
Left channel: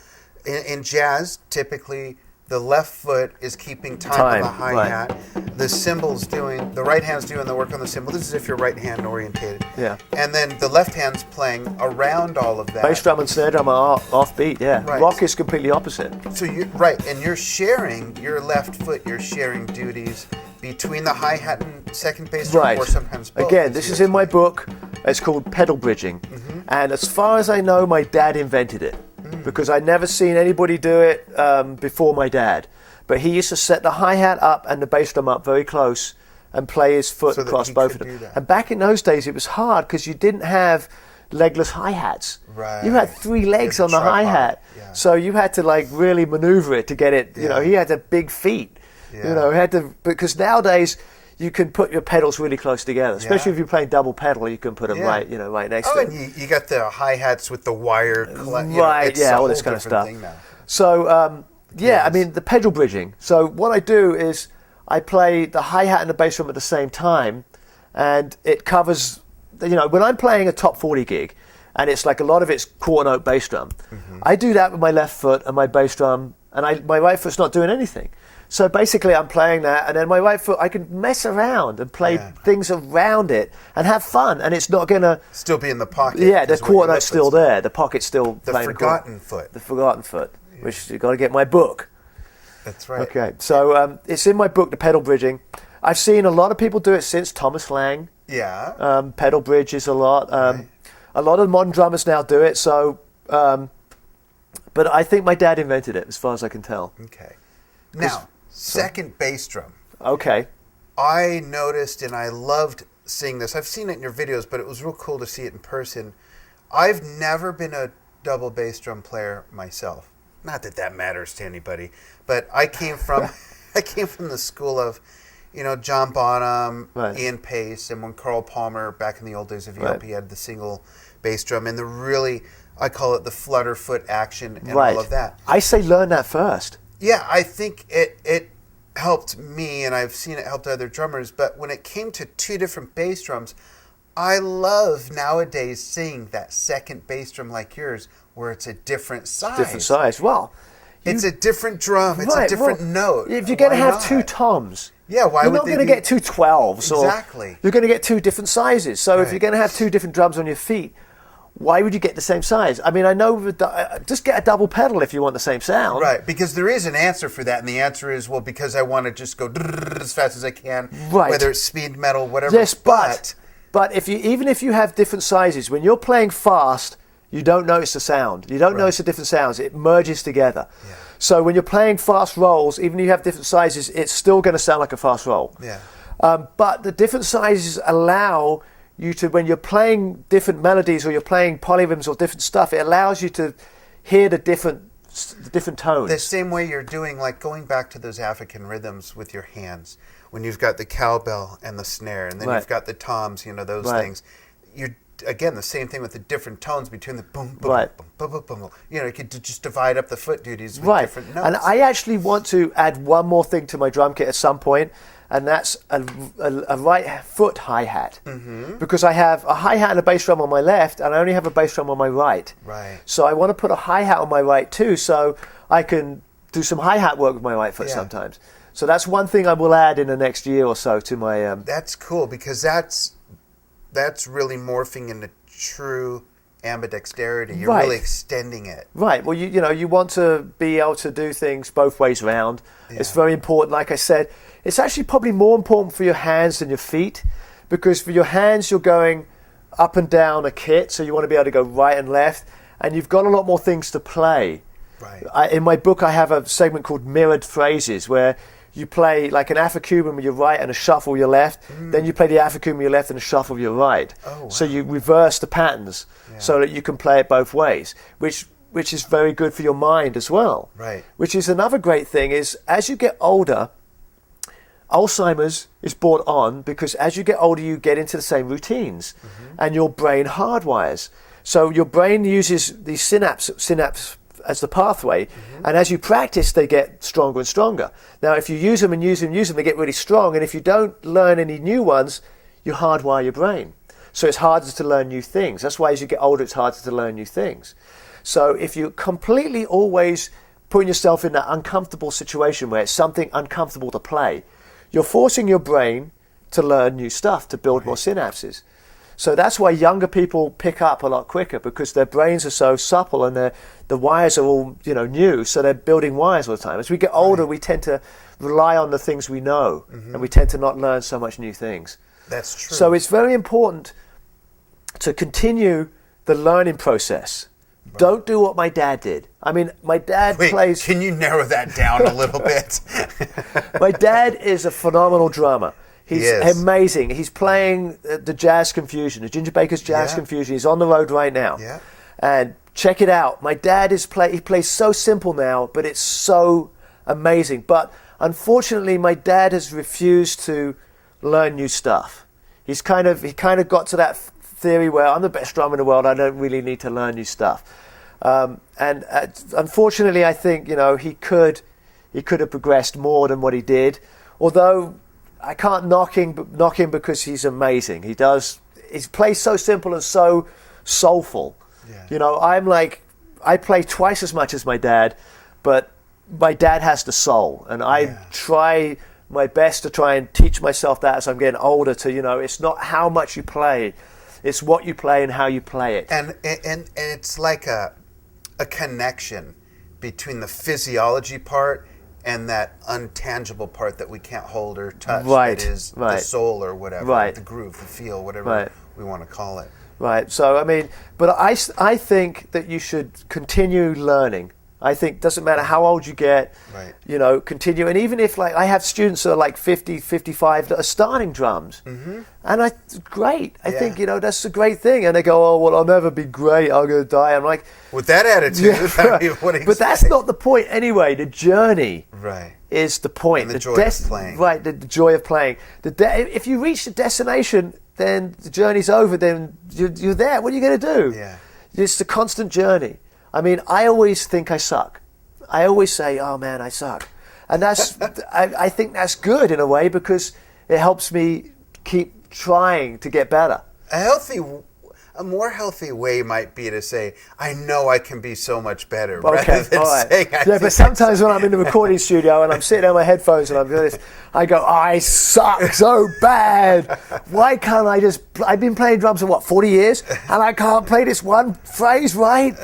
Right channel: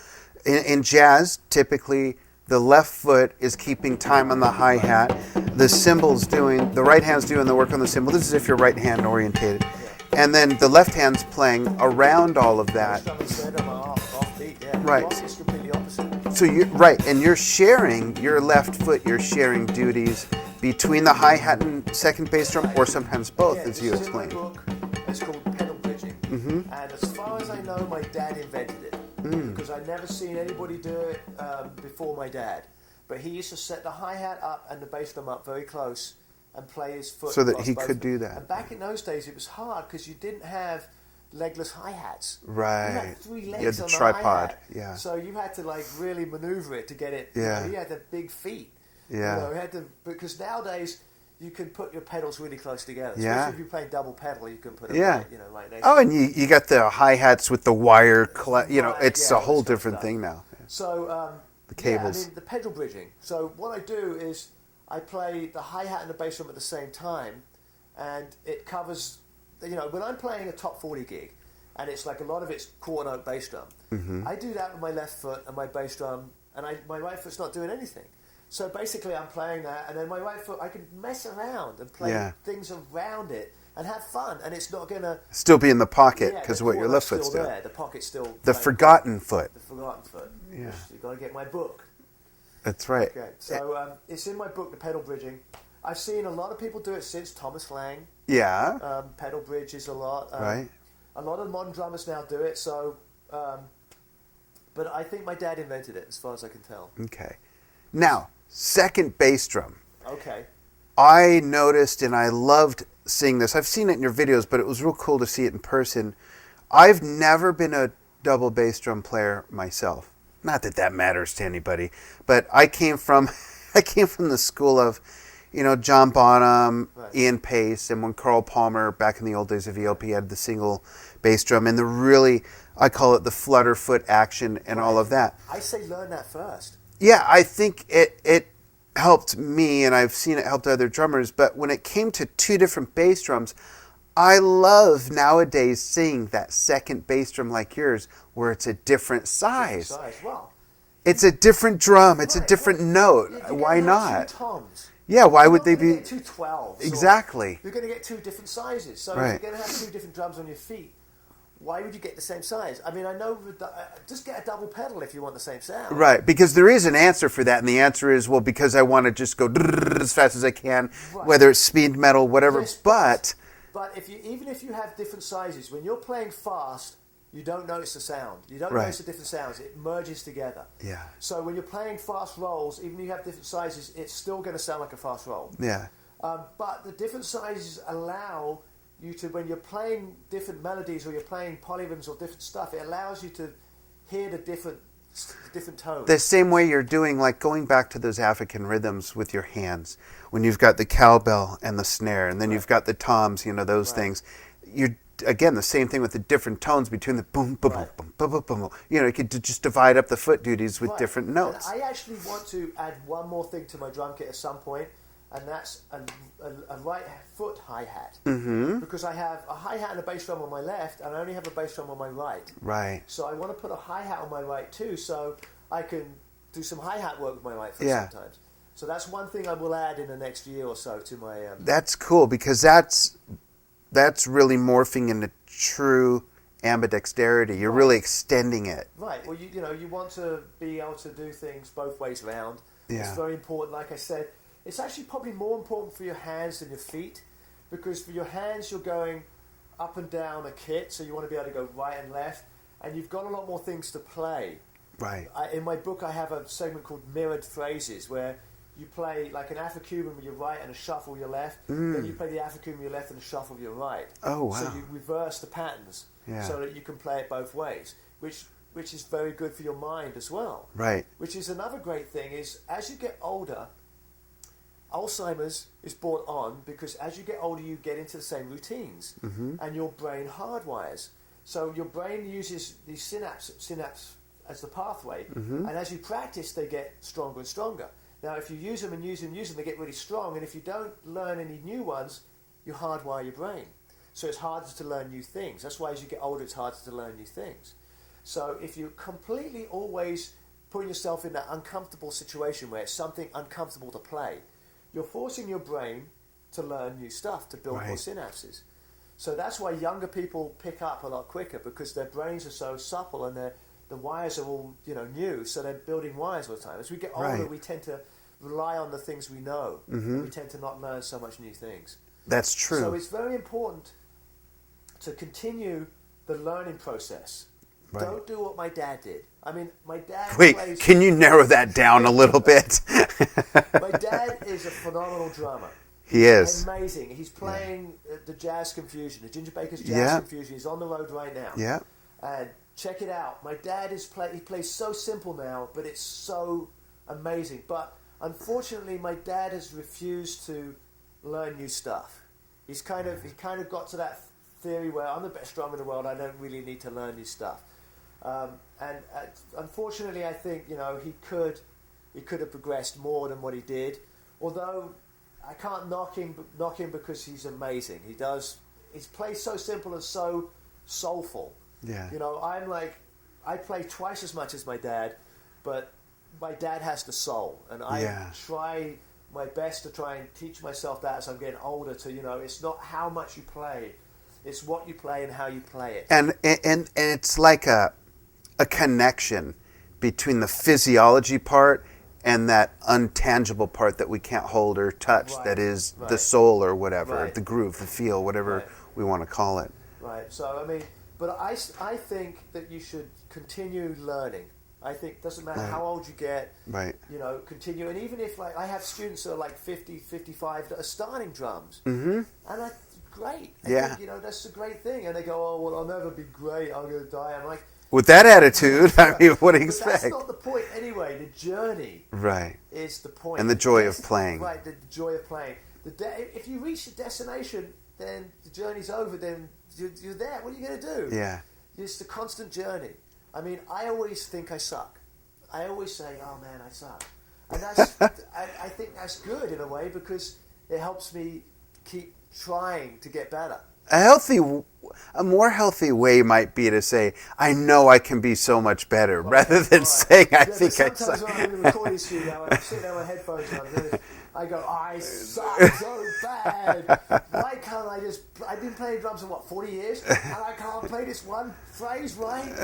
in jazz, typically the left foot is keeping time on the hi-hat. Right. The right hand's doing the work on the cymbal. This is if you're right hand orientated. Yeah. And then the left hand's playing around all of that. Bass drum and snare drum are off beat, yeah. Right. Rock is completely opposite. So and you're sharing your left foot, you're sharing duties between the hi-hat and second bass drum, or sometimes both. Again, this is in my book. It's called pedal bridging. And as far as I know, my dad invented it. Because I'd never seen anybody do it before my dad. But he used to set the hi-hat up and the bass drum up very close and play his foot so that across he both could of them. do that. And back in those days, it was hard because you didn't have legless hi-hats. Right. You had 3 legs on the hi-hat. Yeah. So you had to really maneuver it to get it. He had the big feet. Yeah. Because nowadays you can put your pedals really close together. Especially if you're playing double pedal, you can put them right next to it. Oh, and you got the hi-hats with the wire, it's a whole different thing now. So, I mean, the pedal bridging. So what I do is I play the hi-hat and the bass drum at the same time, and it covers, when I'm playing a top 40 gig, and it's like a lot of it's quarter note bass drum, I do that with my left foot and my bass drum, and my right foot's not doing anything. So basically I'm playing that, and then my right foot, I can mess around and play things around it and have fun, and it's not going to... Still be in the pocket. Yeah, the quarter note's still there. The pocket's still... The forgotten foot. The forgotten foot, which you've got to get my book. That's right. Okay, so it's in my book, The Pedal Bridging. I've seen a lot of people do it since Thomas Lang. Yeah. Pedal bridges a lot. Right. A lot of modern drummers now do it, so... but I think my dad invented it, as far as I can tell. Okay. Now... second bass drum. Okay. I noticed and I loved seeing this. I've seen it in your videos, but it was real cool to see it in person. I've never been a double bass drum player myself. Not that that matters to anybody, but I came from the school of, John Bonham, Ian Pace, and when Carl Palmer back in the old days of ELP had the single bass drum and I call it the flutter foot action and all of that. I say learn that first. Yeah, I think it helped me, and I've seen it helped other drummers, but when it came to 2 different bass drums, I love nowadays seeing that second bass drum like yours, where it's a different size. Different size. Well, it's a different drum. It's a different note. If you're going to have 2 toms, why would they be? You're not going to get 2 12s. Exactly. You're going to get 2 different sizes. So if you're going to have 2 different drums on your feet, why would you get the same size? I mean, I know, just get a double pedal if you want the same sound. Right, because there is an answer for that, and the answer is, well, because I want to just go as fast as I can, whether it's speed metal, whatever. Yes, but even if you have different sizes, when you're playing fast, you don't notice the sound. You don't notice the different sounds. It merges together. Yeah. So when you're playing fast rolls, even if you have different sizes, it's still going to sound like a fast roll. Yeah. But the different sizes allow you to, when you're playing different melodies or you're playing polyrhythms or different stuff, it allows you to hear the different tones. The same way you're doing, like going back to those African rhythms with your hands, when you've got the cowbell and the snare, and then you've got the toms, those things. You're, again, the same thing with the different tones between the boom, boom, boom, boom, boom, boom. You could just divide up the foot duties with different notes. And I actually want to add one more thing to my drum kit at some point, and that's a right foot hi-hat. Because I have a hi-hat and a bass drum on my left, and I only have a bass drum on my right. Right. So I want to put a hi-hat on my right too, so I can do some hi-hat work with my right foot sometimes. So that's one thing I will add in the next year or so to my... That's cool, because that's really morphing into true ambidexterity. You're really extending it. Right. Well, you want to be able to do things both ways around. Yeah. It's very important. Like I said, it's actually probably more important for your hands than your feet, because for your hands you're going up and down a kit, so you want to be able to go right and left, and you've got a lot more things to play. Right. In my book I have a segment called mirrored phrases, where you play like an Afro-Cuban with your right and a shuffle with your left, then you play the Afro-Cuban with your left and a shuffle with your right. Oh, wow. So you reverse the patterns so that you can play it both ways, which is very good for your mind as well. Right. Which is another great thing, is as you get older, Alzheimer's is brought on because as you get older, you get into the same routines and your brain hardwires. So your brain uses these synapse as the pathway, and as you practice, they get stronger and stronger. Now, if you use them and use them, they get really strong, and if you don't learn any new ones, you hardwire your brain. So it's harder to learn new things. That's why as you get older, it's harder to learn new things. So if you're completely always putting yourself in that uncomfortable situation where it's something uncomfortable to play, you're forcing your brain to learn new stuff, to build more synapses. So that's why younger people pick up a lot quicker, because their brains are so supple and the wires are all new, so they're building wires all the time. As we get older, we tend to rely on the things we know, and we tend to not learn so much new things. That's true. So it's very important to continue the learning process. Right. Don't do what my dad did. I mean, my dad plays... Can you narrow that down a little bit? My dad is a phenomenal drummer. He's amazing. He's playing the Jazz Confusion, the Ginger Baker's Jazz Confusion. He's on the road right now. Yeah. And check it out. My dad he plays so simple now, but it's so amazing. But unfortunately, my dad has refused to learn new stuff. He kind of got to that theory where I'm the best drummer in the world. I don't really need to learn new stuff. And unfortunately, I think he could have progressed more than what he did. Although I can't knock him because he's amazing. He plays so simple and so soulful. Yeah. I play twice as much as my dad, but my dad has the soul, and I try my best to try and teach myself that as I'm getting older. It's not how much you play, it's what you play and how you play it. And it's like a connection between the physiology part and that untangible part that we can't hold or touch, that is the soul or whatever, the groove, the feel, whatever we want to call it. Right. So, I mean, but I think that you should continue learning. I think it doesn't matter how old you get, continue. And even if, I have students that are 50, 55 that are starting drums. Mm-hmm. And great. I think, that's a great thing. And they go, oh, well, I'll never be great. I'm going to die. I'm like... With that attitude, I mean, what do you But that's not the point anyway. The journey is the point. And the joy of playing. Right, the joy of playing. If you reach the destination, then the journey's over, then you're there. What are you going to do? Yeah. It's the constant journey. I mean, I always think I suck. I always say, oh man, I suck. And that's, I think that's good in a way, because it helps me keep trying to get better. A more healthy way might be to say, I know I can be so much better, rather than saying I think but sometimes when I'm in the recording studio and I'm sitting on my headphones and I'm doing this, I go, I suck so bad. Why can't I've been playing drums for 40 years, and I can't play this one phrase right?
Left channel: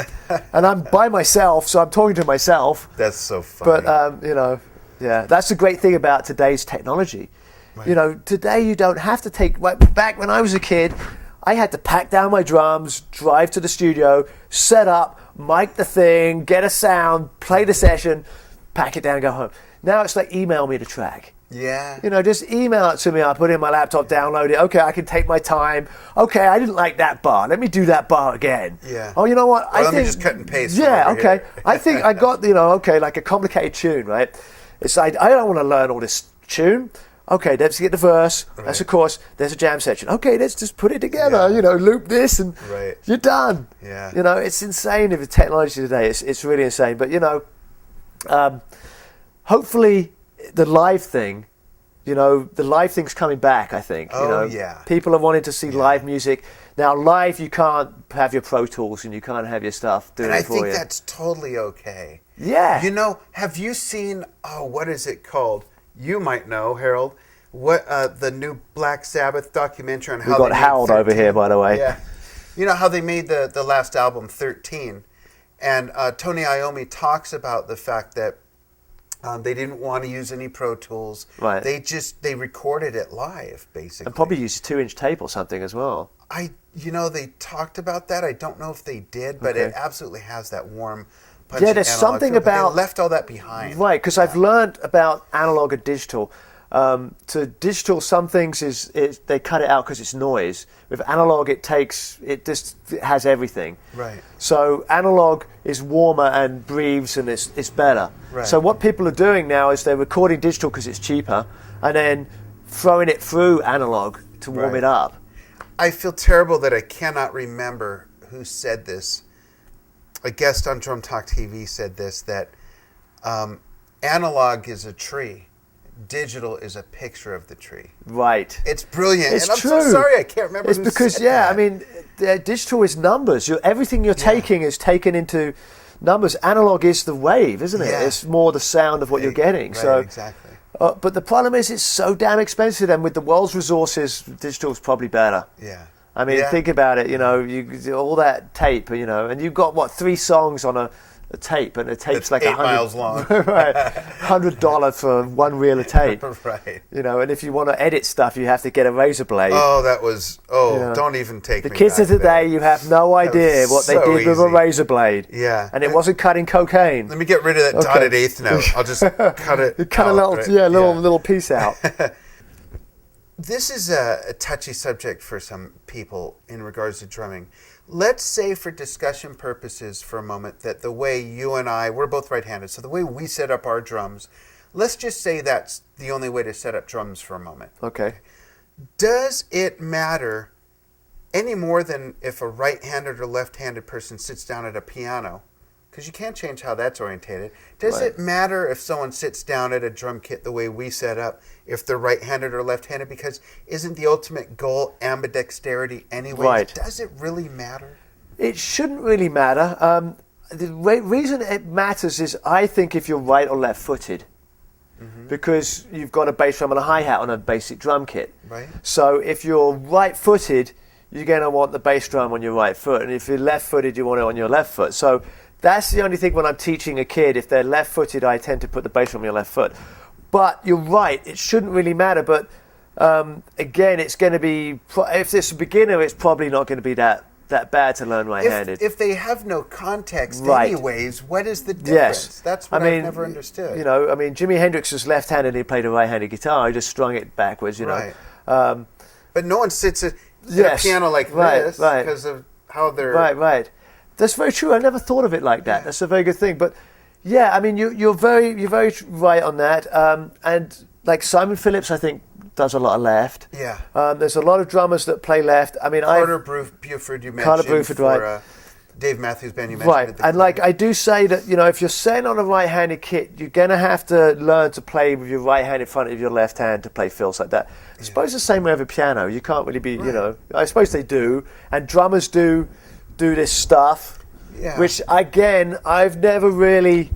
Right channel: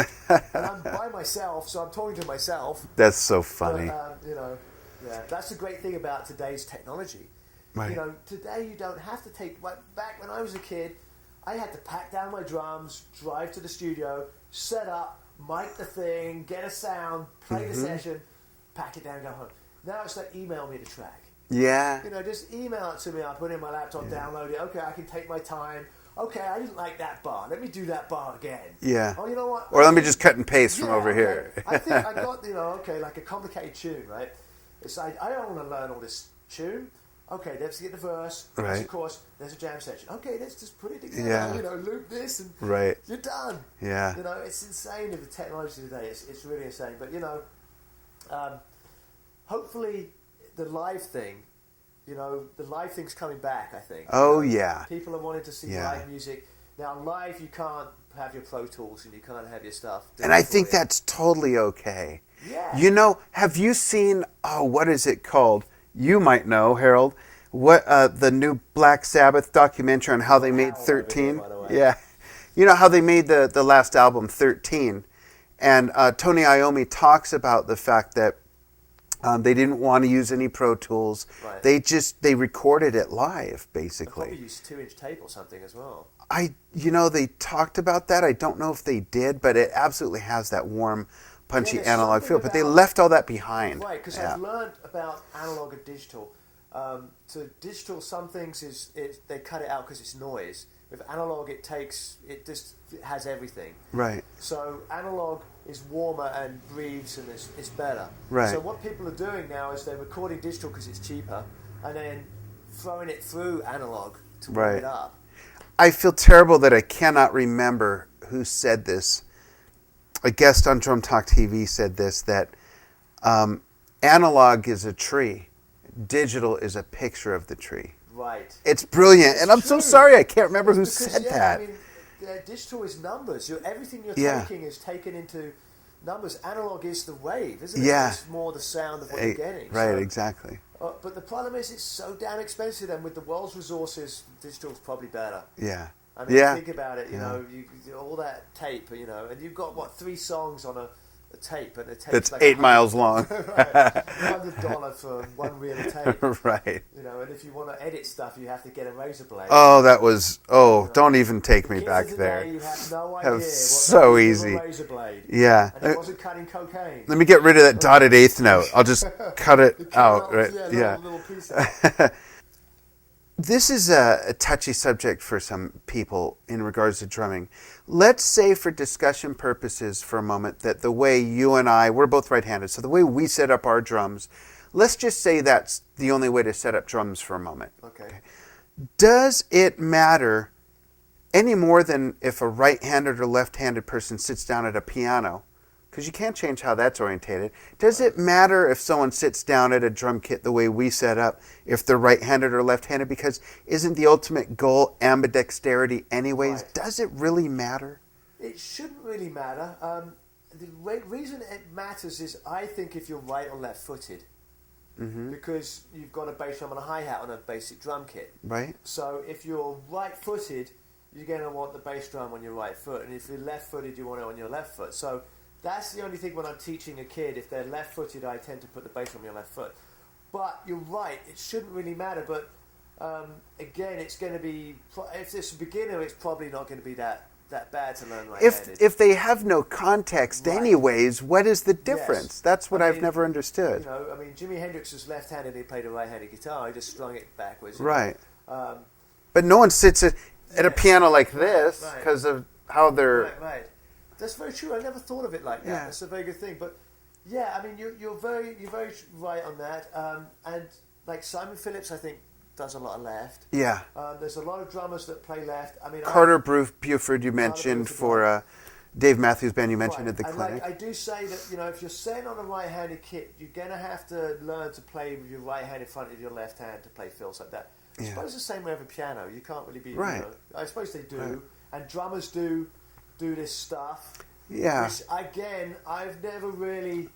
And I'm by myself, so I'm talking to myself. That's so funny. But, that's the great thing about today's technology. Right. Today you don't have to take, back when I was a kid, I had to pack down my drums, drive to the studio, set up, mic the thing, get a sound, play the session, pack it down, go home. Now it's like, email me the track. Yeah. Just email it to me. I'll put it in my laptop, download it. Okay, I can take my time. Okay, I didn't like that bar. Let me do that bar again. Yeah. Oh, you know what? Or let me just cut and paste from over here. I think I got, like a complicated tune, right? It's like, I don't want to learn all this tune. Okay, let's get the verse. Right. That's, of course, there's a jam section. Okay, let's just put it together. Loop this, and you're done. Yeah. It's insane with the technology today. It's really insane. But hopefully the live thing, the live thing's coming back. I think. Yeah. People are wanting to see live music. Now, live, you can't have your Pro Tools and you can't have your stuff. And I think that's totally okay. Yeah. Have you seen? What is it called? You might know, Harold, what the new Black Sabbath documentary on how they made Harold 13. Over here, by the way. Yeah, how they made the last album 13, and Tony Iommi talks about the fact that they didn't want to use any Pro Tools. Right. They recorded it live, basically. And probably used a 2-inch tape or something as well. They talked about that. I don't know if they did, but it absolutely has that warm, punchy analog feel. But they left all that behind. Right, because I've learned about analog and digital. To digital, some things they cut it out because it's noise. With analog, it just has everything. Right. So analog is warmer and breathes, and it's better. Right. So what people are doing now is they're recording digital because it's cheaper, and then throwing it through analog to warm it up. I feel terrible that I cannot remember who said this. A guest on Drum Talk TV said this, that analog is a tree. Digital is a picture of the tree. Right. It's brilliant. It's and I'm true. so sorry I can't remember who because, said that. I mean, digital is numbers. Everything you're taking is taken into numbers. Analog is the wave, isn't it? Yeah. It's more the sound of what you're getting. Right, so, exactly. But the problem is it's so damn expensive, and with the world's resources, digital is probably better. Yeah. I mean, think about it, you all that tape, and you've got, 3 songs on a tape, and a tape's it's like 8 miles long. Right. $100 for 1 reel of tape. Right. And if you want to edit stuff, you have to get a razor blade. Oh, that was, don't even take me back The kids of today, there. you have no idea what so they did with easy. a razor blade. Yeah. And it wasn't cutting cocaine. Let me get rid of that dotted eighth note. I'll just cut it Cut out. a little, right? little piece out. This is a touchy subject for some people in regards to drumming. Let's say for discussion purposes for a moment that the way you and I, we're both right-handed, so the way we set up our drums, let's just say that's the only way to set up drums for a moment. Okay. Does it matter any more than if a right-handed or left-handed person sits down at a piano? Because you can't change how that's orientated. Does it matter if someone sits down at a drum kit the way we set up, if they're right-handed or left-handed? Because isn't the ultimate goal ambidexterity anyways? Right. Does it really matter? It shouldn't really matter. The reason it matters is, I think, if you're right or left-footed. Because you've got a bass drum and a hi-hat on a basic drum kit. Right. So if you're right-footed, you're going to want the bass drum on your right foot. And if you're left-footed, you want it on your left foot. So that's the only thing when I'm teaching a kid. If they're left-footed, I tend to put the bass drum on your left foot. But you're right, it shouldn't really matter. But again, it's going to be, if it's a beginner, it's probably not going to be that bad to learn right-handed. If they have no context anyways, what is the difference? Yes. That's what I've never understood. Jimi Hendrix was left-handed and he played a right-handed guitar. He just strung it backwards, Right. know. But no one sits at a piano like this because of how they're... Right. That's very true. I never thought of it like that. Yeah. That's a very good thing. But yeah, I mean, you're very right on that. And like Simon Phillips, I think, does a lot of left. Yeah. There's a lot of drummers that play left. I mean, Carter Buford, you mentioned for Dave Matthews Band, you mentioned at the and like I do say that, if you're setting on a right-handed kit, you're going to have to learn to play with your right hand in front of your left hand to play fills like that. I suppose the same way with a piano. You can't really be, I suppose they do. And drummers do this stuff, which, again, I've never really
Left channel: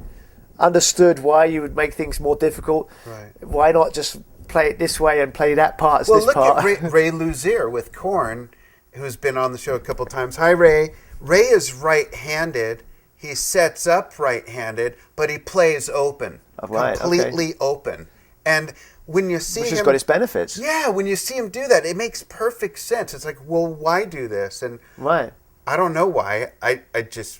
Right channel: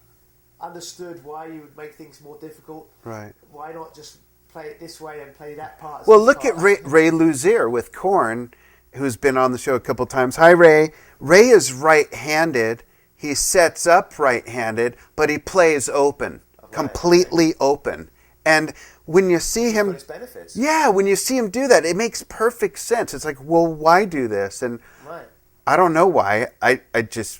understood why you would make things more difficult. Right. Why not just play it this way and play that part as well, this look part? at Ray Luzier with Korn, who's been on the show a couple times. Hi, Ray. Ray is right-handed. He sets up right-handed, but he plays open, completely open. And when you see him... Which has got its benefits. Yeah, when you see him do that, it makes perfect sense. It's like, well, why do this? And I don't know why. I just...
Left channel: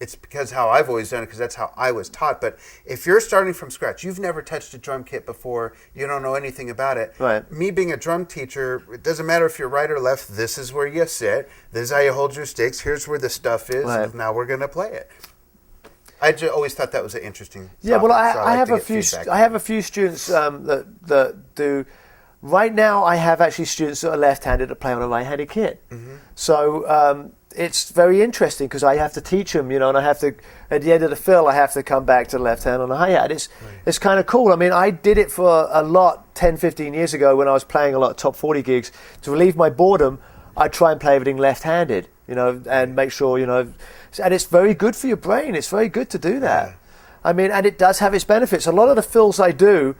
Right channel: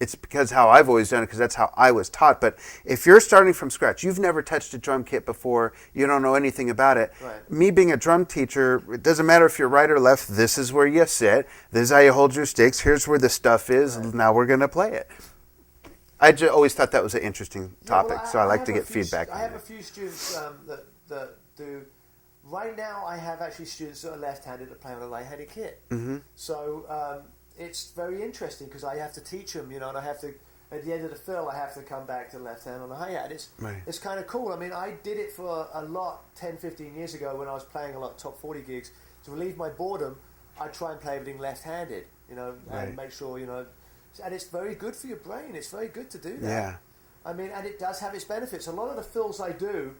It's because how I've always done it, because that's how I was taught. But if you're starting from scratch, you've never touched a drum kit before, you don't know anything about it. Right. Me being a drum teacher, it doesn't matter if you're right or left. This is where you sit. This is how you hold your sticks. Here's where the stuff is. Right. Now we're going to play it. I always thought that was an interesting topic, so I like to get feedback. I have a few students that do. Right now, I have actually students that are left-handed that play on a right-handed kit. So it's very interesting because I have to teach them, and I have to, at the end of the fill, I have to come back to the left hand on the hi-hat. It's kind of cool. I mean, I did it for a lot 10, 15 years ago when I was playing a lot of top 40 gigs. To relieve my boredom, I'd try and play everything left-handed, and make sure, and it's very good for your brain. It's very good to do that. Yeah. I mean, and it does have its benefits. A lot of the fills I do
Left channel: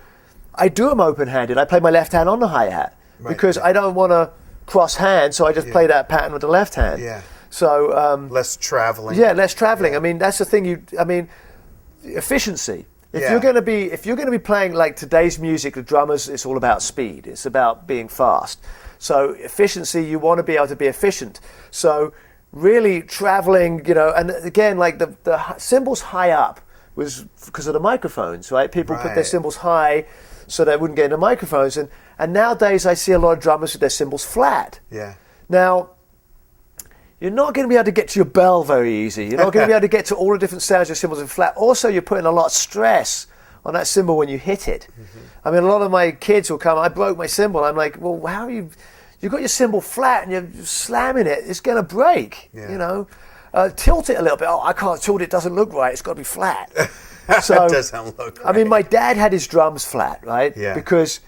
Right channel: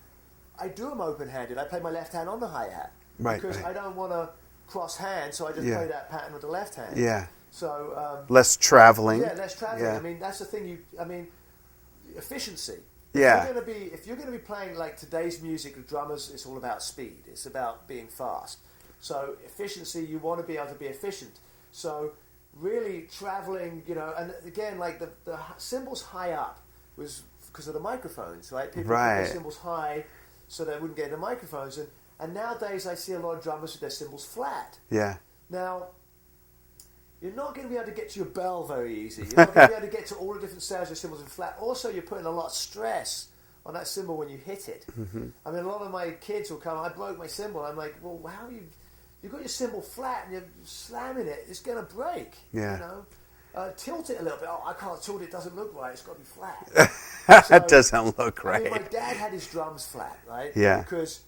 them open-handed. I play my left hand on the hi-hat because I don't want to cross hands, so I just play that pattern with the left hand. Yeah. So less traveling. Yeah, less traveling. Yeah. I mean, that's the thing. Efficiency. If Yeah. you're gonna be playing like today's music, the drummers, it's all about speed. It's about being fast. So efficiency, you want to be able to be efficient. So really traveling, and again, like the cymbals high up was because of the microphones, right? People put their cymbals high so they wouldn't get in the microphones. And nowadays I see a lot of drummers with their cymbals flat. Yeah. Now, you're not going to be able to get to your bell very easy. You're not going to be able to get to all the different sounds your cymbals are flat. Also, you're putting a lot of stress on that cymbal when you hit it. I mean, a lot of my kids will come, I broke my cymbal. I'm like, well, how are you you've got your cymbal flat and you're slamming it, it's going to break. Yeah. You know, tilt it a little bit. Oh, I can't tilt it. It doesn't look right. It's got to be flat. So, That doesn't look right. I mean, my dad had his drums flat, right? Yeah. Because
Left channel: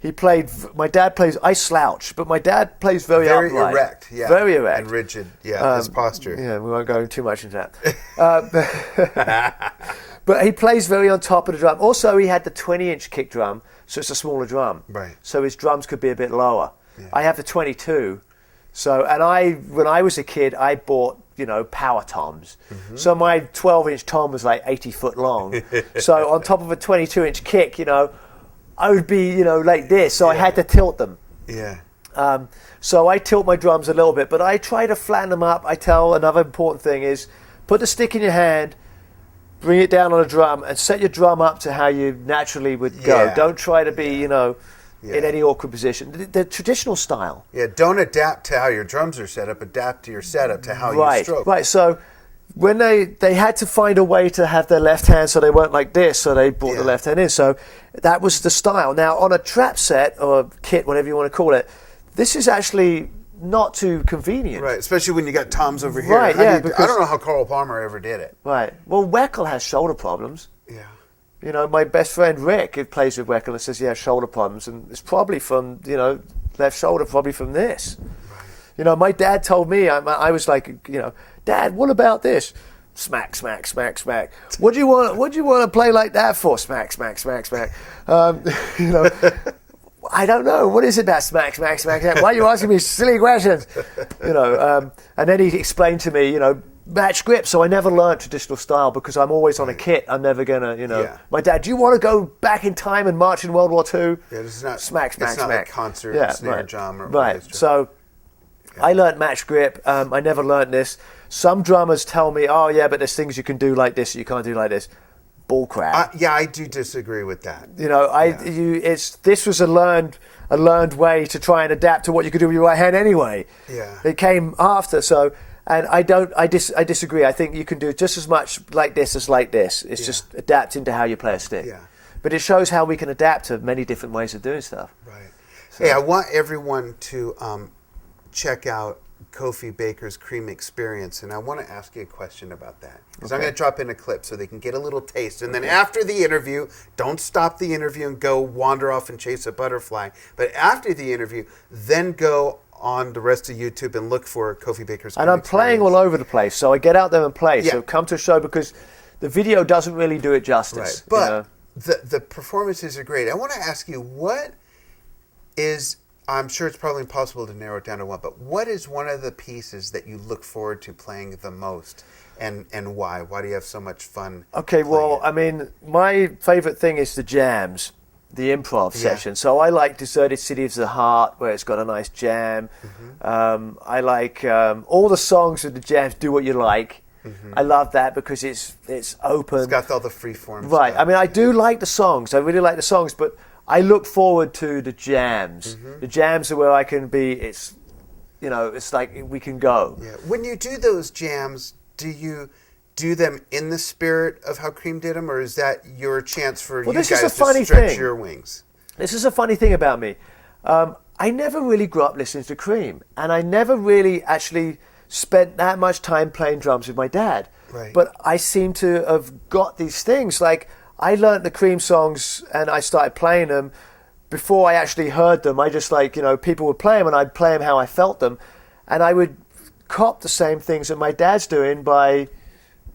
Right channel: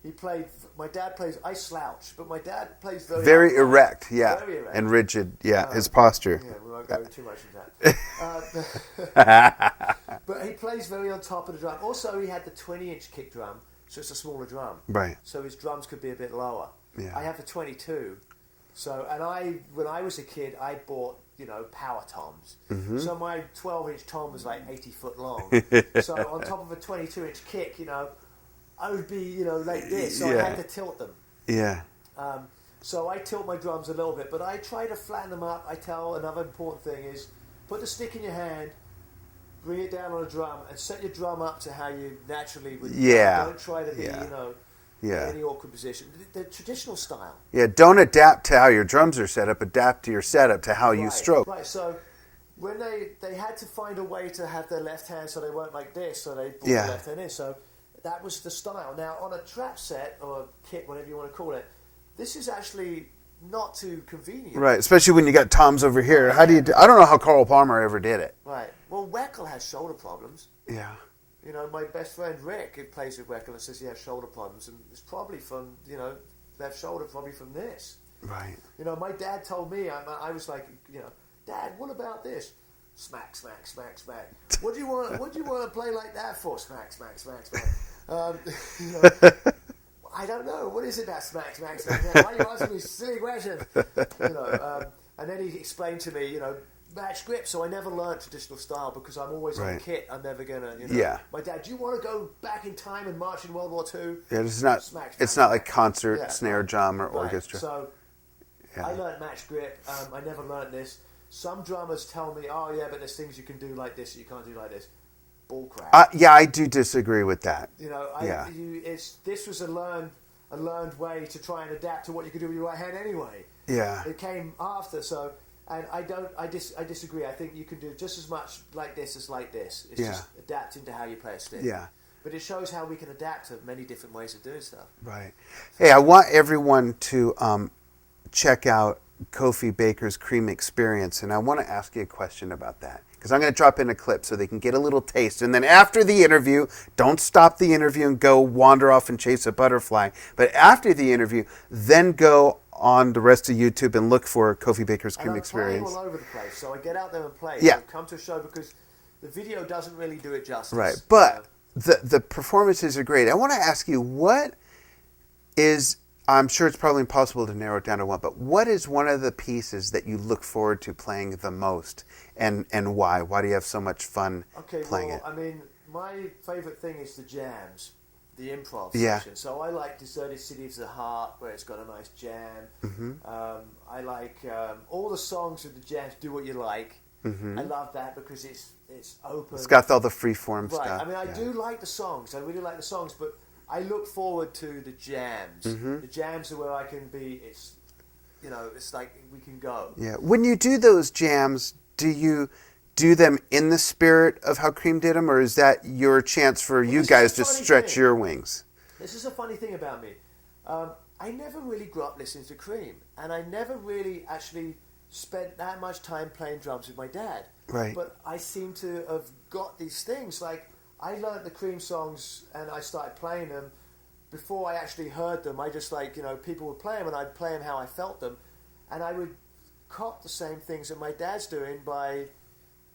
he played. My dad plays. I slouch, but my dad plays very upright, erect. Yeah. very erect and rigid. Yeah, his posture. Yeah, we won't go too much into that. But he plays very on top of the drum. Also, he had the 20-inch kick drum, so it's a smaller drum. Right. So his drums could be a bit lower. Yeah. I have the 22. So, when I was a kid, I bought, power toms. Mm-hmm. So my 12-inch tom was like 80 foot long. So on top of a 22-inch kick, I would be, like this. So I had to tilt them. Yeah. So I tilt my drums a little bit, but I try to flatten them up. I tell another important thing is put the stick in your hand, bring it down on a drum, and set your drum up to how you naturally would go. Don't try to be, in any awkward position. The traditional style. Yeah, don't adapt to how your drums are set up. Adapt to your setup to how you stroke. Right, so when they had to find a way to have their left hand so they weren't like this, so they brought the left hand in. So that was the style. Now, on a trap set or kit, whatever you want to call it, this is actually not too convenient. Right, especially when you got toms over here. Right, I don't know how Carl Palmer ever did it. Right. Well, Weckl has shoulder problems. Yeah. My best friend Rick, who plays with Weckl, and says he has shoulder problems, and it's probably from, left shoulder, probably from this. Right. My dad told me, I was like, Dad, what about this? Smack, smack, smack, smack. What do you want to play like that for? Smack, smack, smack, smack. I don't know. What is it about smack, smack, smack, smack? Why are you asking me silly questions? And then he explained to me, match grip. So I never learned traditional style because I'm always on a kit. I'm never gonna, Yeah. My dad, do you want to go back in time and march in World War II? Yeah, this is not. Smack, smack, it's not smack. like concert snare drum or orchestra. So I learned match grip. I never learned this. Some drummers tell me, oh yeah, but there's things you can do like this that you can't do like this. Bull crap. Yeah, I do disagree with that. This was a learned way to try and adapt to what you could do with your right hand anyway. Yeah. It came after, so, and I disagree. I think you can do just as much like this as like this. It's just adapting to how you play a stick. Yeah. But it shows how we can adapt to many different ways of doing stuff. Right. Hey, I want everyone to check out Kofi Baker's Cream Experience, and I want to ask you a question about that. Because I'm going to drop in a clip so they can get a little taste. And then after the interview, don't stop the interview and go wander off and chase a butterfly. But after the interview, then go on the rest of YouTube and look for Kofi Baker's Cream Experience. And I'm playing all over the place, so I get out there and play. Yeah. So come to a show because the video doesn't really do it justice. Right. But the performances are great. I want to ask you, what is... I'm sure it's probably impossible to narrow it down to one, but what is one of the pieces that you look forward to playing the most, and why? Why do you have so much fun? Okay, well, I mean, my favorite thing is the jams, the improv session. So I like Deserted City of the Heart, where it's got a nice jam. Mm-hmm. I like all the songs with the jams. Do What You Like. Mm-hmm. I love that because it's open. It's got all the free form right. stuff. I mean, I do like the songs. I really like the songs, but I look forward to the jams. Mm-hmm. The jams are where I can be. It's like we can go. Yeah. When you do those jams, do you do them in the spirit of how Cream did them, or is that your chance for you guys to stretch your wings? This is a funny thing about me. I never really grew up listening to Cream, and I never really actually spent that much time playing drums with my dad. Right. But I seem to have got these things like. I learned the Cream songs and I started playing them before I actually heard them. I just people would play them and I'd play them how I felt them. And I would cop the same things that my dad's doing by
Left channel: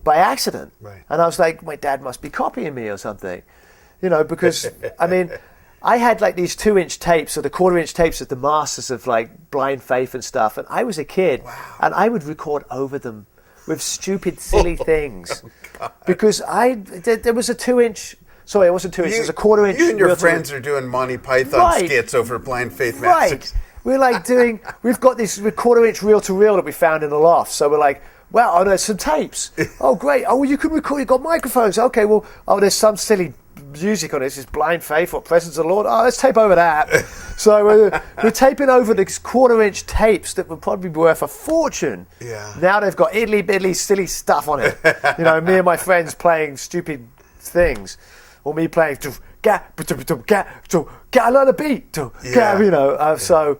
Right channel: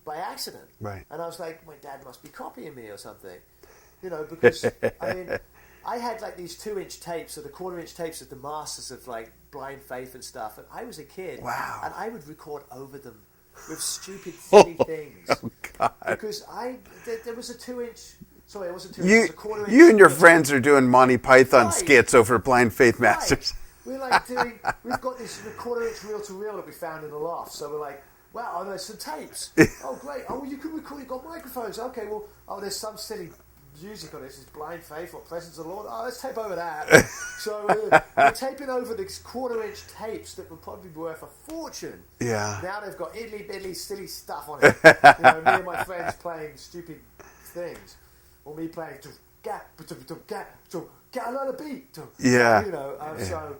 accident. Right. And I was like, my dad must be copying me or something. Because, I mean, I had like these 2-inch tapes or the 1/4-inch tapes of the masters of like Blind Faith and stuff. And I was a kid. Wow. And I would record over them. With stupid, silly things. Oh, God. Because there was a 2-inch... Sorry, it wasn't 2 inches. It was a 1/4 inch. You and your friends are doing Monty Python skits over Blind Faith Masters. We're like doing... We've got this 1/4 inch reel-to-reel that we found in the loft. So we're like, wow, there's some tapes. Oh, great. Oh, well, you can record. You've got microphones. Okay, well, there's some silly music on it. It's just Blind Faith or Presence of the Lord. Oh, let's tape over that. So we're taping over these 1/4 inch tapes that would probably be worth a fortune. Yeah. Now they've got idly silly stuff on it. Me and my friends playing stupid things, or me playing I learn a beat. Yeah. So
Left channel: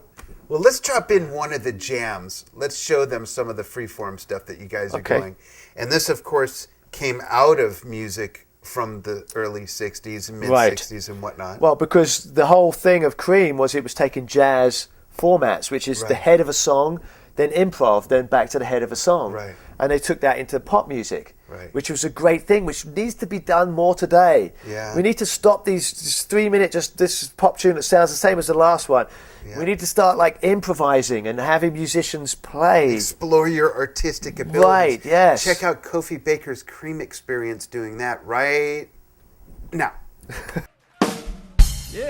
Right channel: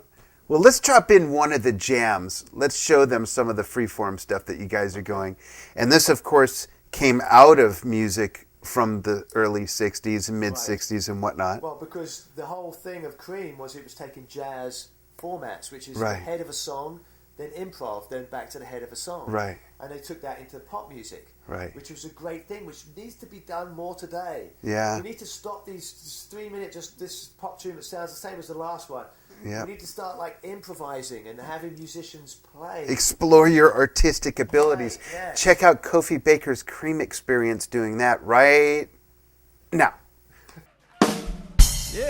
Well, let's drop in one of the jams. Let's show them some of the freeform stuff that you guys are going. And this, of course, came out of music from the early 60s and mid-60s and whatnot. Well, because the whole thing of Cream was it was taking jazz formats, which is the head of a song, then improv, then back to the head of a song. Right. And they took that into pop music, right, which was a great thing, which needs to be done more today. Yeah. We need to stop these 3-minute, just this pop tune that sounds the same as the last one. Yeah. We need to start like improvising and having musicians play. Explore your artistic abilities. Right, yes. Check out Kofi Baker's Cream experience doing that right now. Yeah.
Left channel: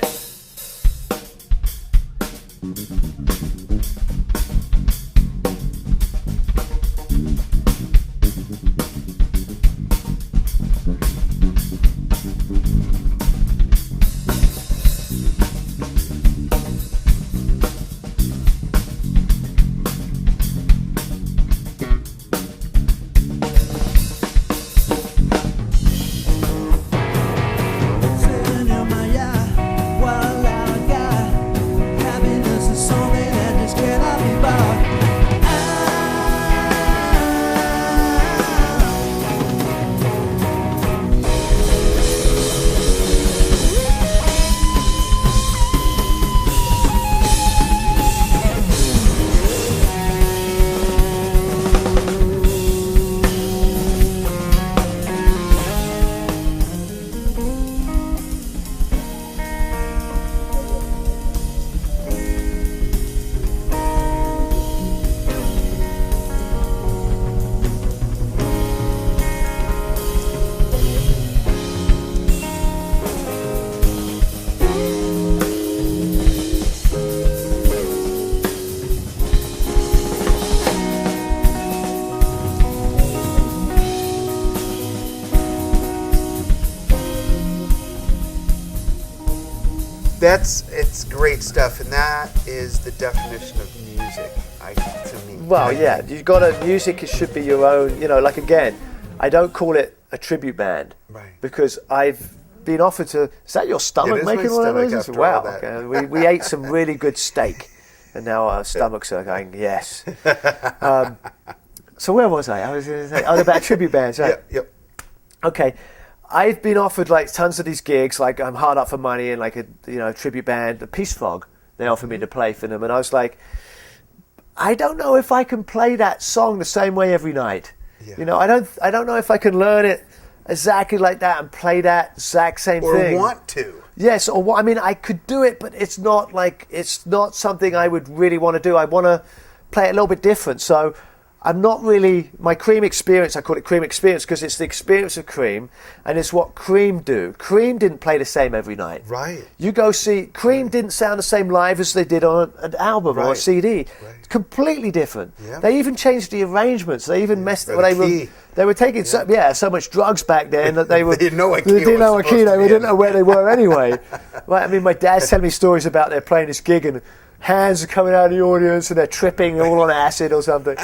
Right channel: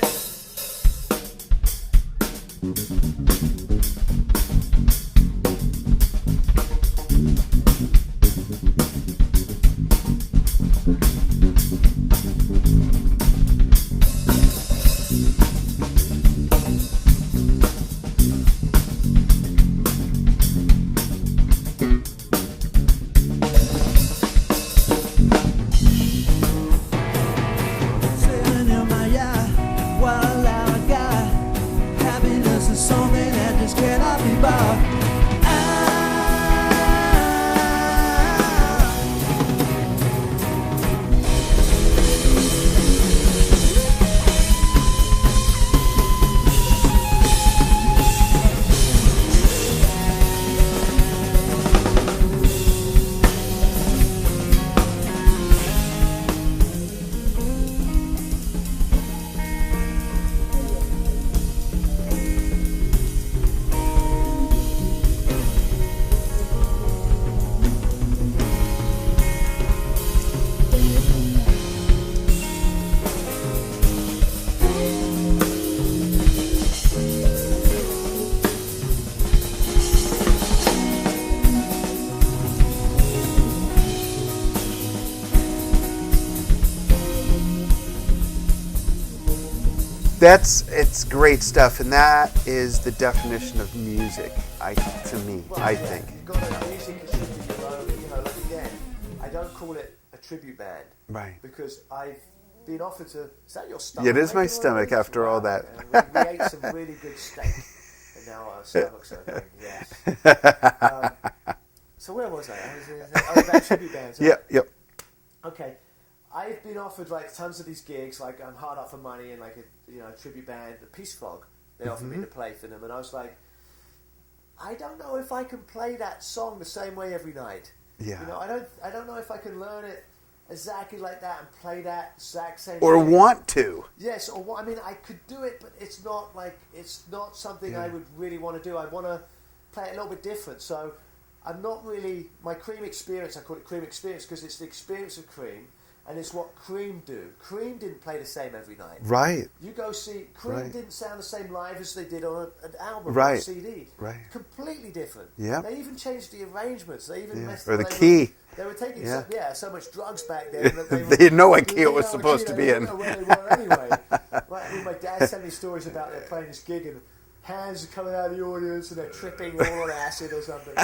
It's great stuff, and that is the definition of music, to me. Well, yeah, you've got music should be your own, like again, I don't call it a tribute band. Right. Because I've been offered to, is that your stomach? Yeah, it is my stomach after all that. Okay. We ate some really good steak, and now our stomachs are going, yes. So where was I? I was about tribute bands. Right? Yep. Okay. I've been offered like tons of these gigs, like I'm hard up for money and like a tribute band, the Peace Frog. They offered me to play for them, and I was like, I don't know if I can play that song the same way every night. Yeah. I don't know if I can learn it exactly like that and play that exact same thing. Or want to. Yes, or what? I mean, I could do it, but it's not something I would really want to do. I want to play it a little bit different. So I'm not really, my Cream experience, I call it Cream experience because it's the experience of Cream and it's what Cream do. Cream didn't play the same every night. Right. You go see, Cream didn't sound the same live as they did on an album or a CD. Right. Completely different. Yeah. They even changed the arrangements. They even messed with the key. They were taking so much drugs back then that they were. They didn't know what key it was supposed to be in. They didn't know where they were anyway. Right, I mean, my dad's telling me stories about they're playing this gig and hands are coming out of the audience and they're tripping all on acid or something.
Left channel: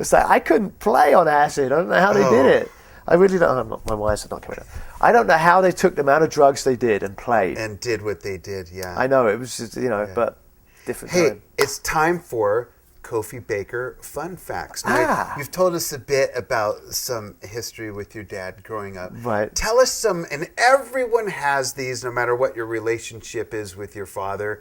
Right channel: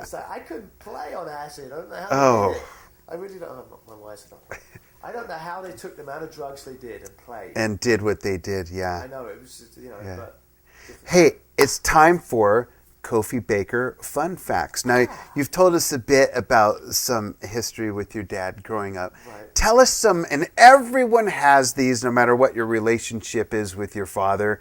It's like, I couldn't play on acid. I don't know how they did it. I really don't. My wires are not coming out. I don't know how they took the amount of drugs they did and played. And did what they did, yeah. I know, it was just, but different. Hey, time. it's time for Kofi Baker Fun Facts. Now, you've told us a bit about some history with your dad growing up. Right. Tell us some, and everyone has these, no matter what your relationship is with your father,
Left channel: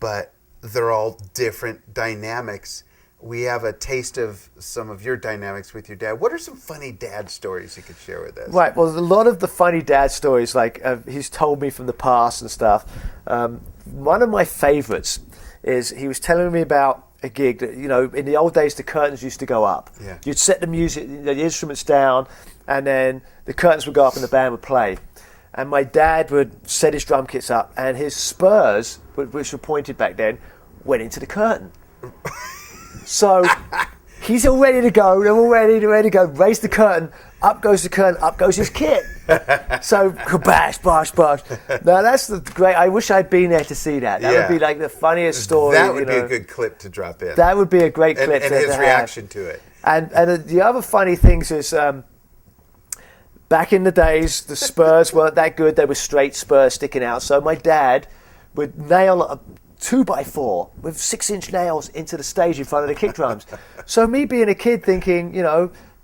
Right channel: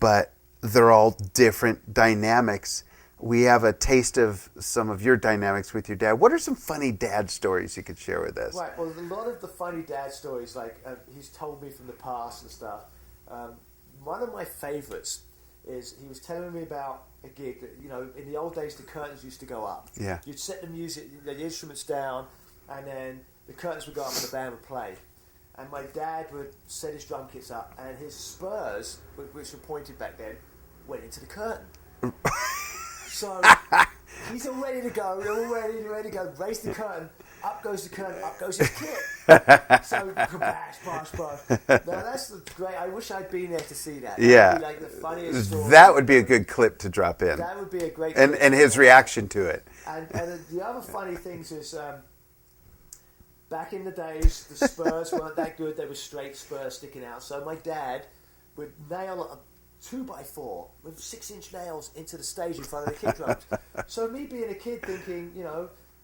but they're all different dynamics. We have a taste of some of your dynamics with your dad. What are some funny dad stories you could share with us? Right, well, a lot of the funny dad stories, like he's told me from the past and stuff. One of my favorites is he was telling me about a gig that, in the old days, the curtains used to go up. Yeah. You'd set the music, the instruments down, and then the curtains would go up and the band would play. And my dad would set his drum kits up, and his spurs, which were pointed back then, went into the curtain. So he's all ready to go. They're all ready to go. Raise the curtain. Up goes the curtain. Up goes his kit. So bash, bash, bash. Now that's the great. I wish I'd been there to see that. That would be like the funniest story. That would be a good clip to drop in. That would be a great clip. And his reaction to it. And the other funny things is back in the days, the spurs weren't that good. They were straight spurs sticking out. So my dad would nail 2x4 with 6-inch nails into the stage in front of the kick drums. So me being a kid thinking,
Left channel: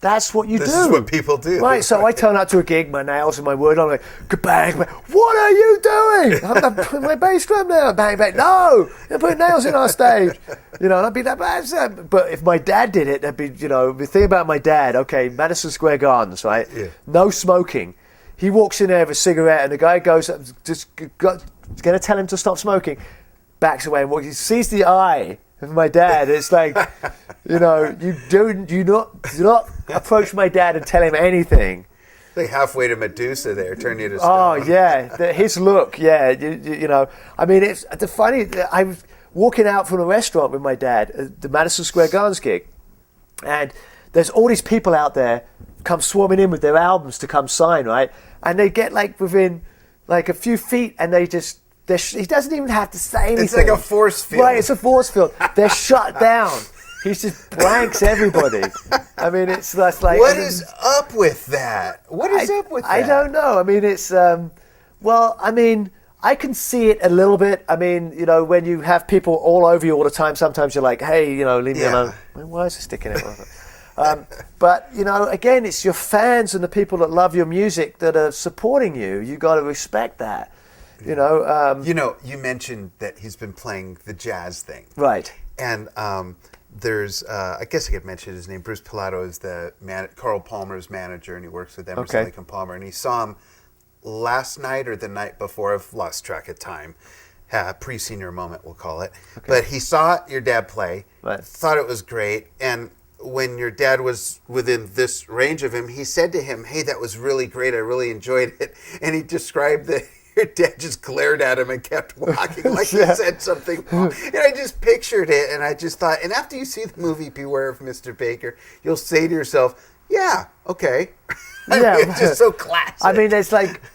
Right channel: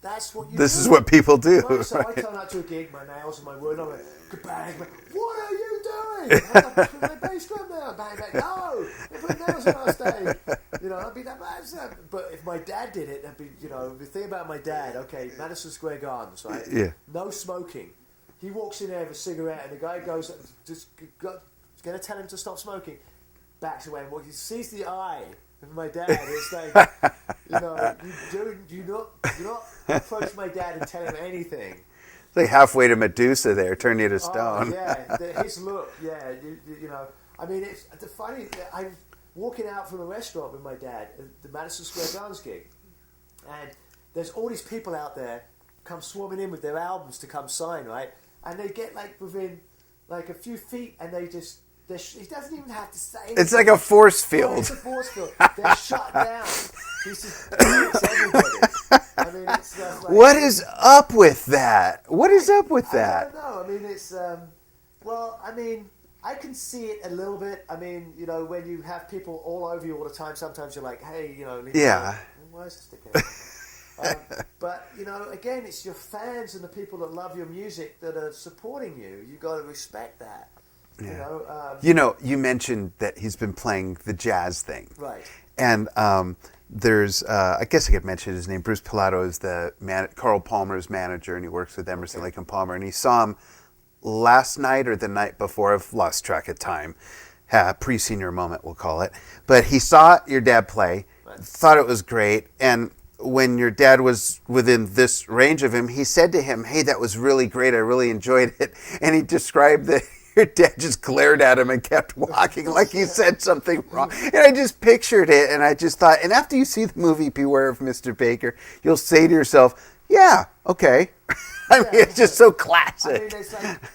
that's what you do. This is what people do. Right, so I turn up to a gig, my nails and my wood, I'm like, bang, what are you doing? I'm putting my bass drum down, bang, bang, no, they're putting nails in our stage. And I'd be that bad. But if my dad did it, that'd be, the thing about my dad, okay, Madison Square Gardens, right? Yeah. No smoking. He walks in there with a cigarette and the guy goes, just going to tell him to stop smoking, backs away and walks. He sees the eye of my dad. It's like, you do not approach my dad and tell him anything. It's like halfway to Medusa there, turn you to stone. Oh, yeah. His look, yeah. I mean, it's the funny, I was walking out from a restaurant with my dad at the Madison Square Gardens gig, and there's all these people out there come swarming in with their albums to come sign, right? And they get within a few feet and he doesn't even have to say anything. It's like a force field. Right, it's a force field. They're shut down. He just blanks everybody. I mean, it's like... What is up with that? What is up with that? I don't know. I mean, it's... I can see it a little bit. I mean, when you have people all over you all the time, sometimes you're like, hey, leave me alone. Why is it sticking out? But, again, it's your fans and the people that love your music that are supporting you. You got to respect that. Yeah. You mentioned that he's been playing the jazz thing. Right. And there's, I guess I could mention his name, Bruce Pilato is Carl Palmer's manager, and he works with Emerson, Lake and Palmer. And he saw him last night or the night before, I've lost track of time, pre-senior moment, we'll call it. Okay. But he saw your dad play, thought it was great, and when your dad was within this range of him, he said to him, hey, that was really great, I really enjoyed it. And he described that your dad just glared at him and kept walking like he said something wrong. And I just pictured it, and I just thought, and after you see the movie Beware of Mr. Baker, you'll say to yourself, yeah, okay. It's just so classic.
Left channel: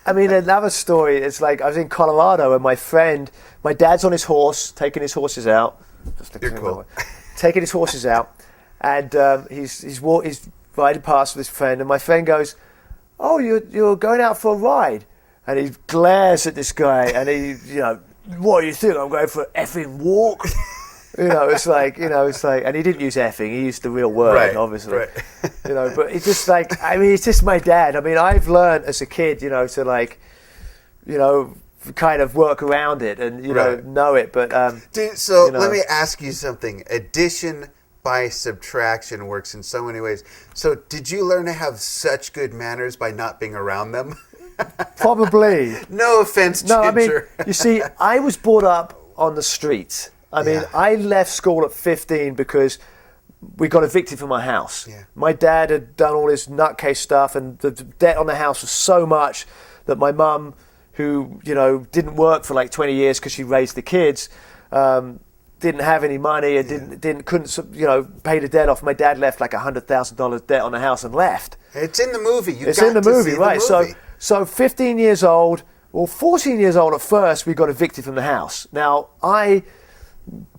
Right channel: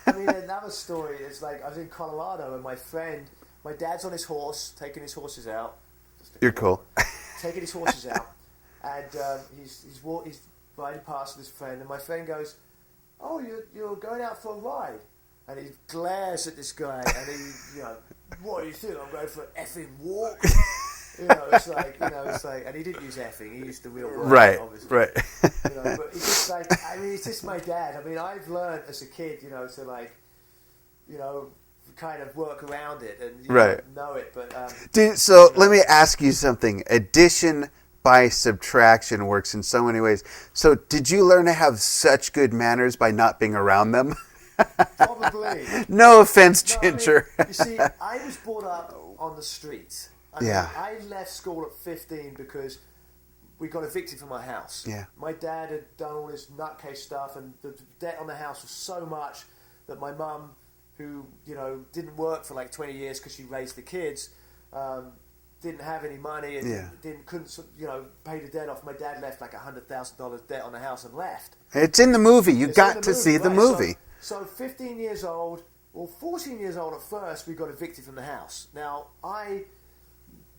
I mean, another story, it's like I was in Colorado and my dad's on his horse, taking his horses out. You're cool. Taking his horses out. And he's riding past with his friend, and my friend goes, oh, you're going out for a ride? And he glares at this guy, and he, what do you think? I'm going for an effing walk? It's like, and he didn't use effing, he used the real word, obviously. Right. But it's just it's just my dad. I mean, I've learned as a kid, to kind of work around it and, know it. But, let me ask you something. Addition by subtraction works in so many ways. So did you learn to have such good manners by not being around them? Probably. No offense, Ginger. You see, I was brought up on the streets. I left school at 15 because we got evicted from my house. Yeah. My dad had done all this nutcase stuff, and the debt on the house was so much that my mum, who didn't work for 20 years because she raised the kids, didn't have any money and couldn't pay the debt off. My dad left $100,000 debt on the house and left. It's in the movie. You got to see the movie. So 15 years old, 14 years old at first, we got evicted from the house. Now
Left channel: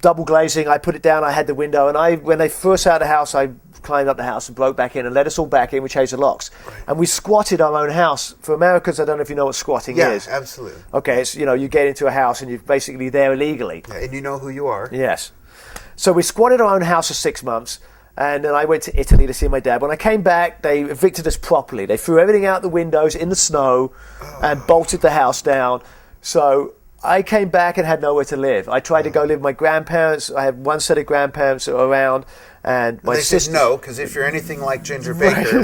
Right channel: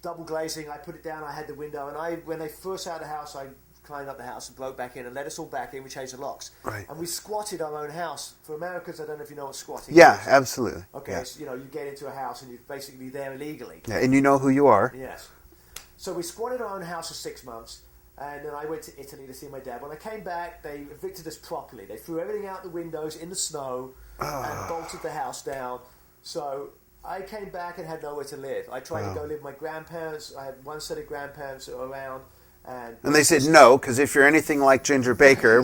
double glazing, I put it down, I had the window, and when they first out of the house, I climbed up the house and broke back in and let us all back in. We changed the locks. Right. And we squatted our own house. For Americans, I don't know if you know what squatting is. Yeah, absolutely. Okay, it's, you get into a house and you're basically there illegally. Yeah, and you know who you are. Yes. So we squatted our own house for 6 months, and then I went to Italy to see my dad. When I came back, they evicted us properly. They threw everything out the windows in the snow and bolted the house down. So I came back and had nowhere to live. I tried to go live with my grandparents. I had one set of grandparents that were around. And they said no, because if you're anything like Ginger Baker,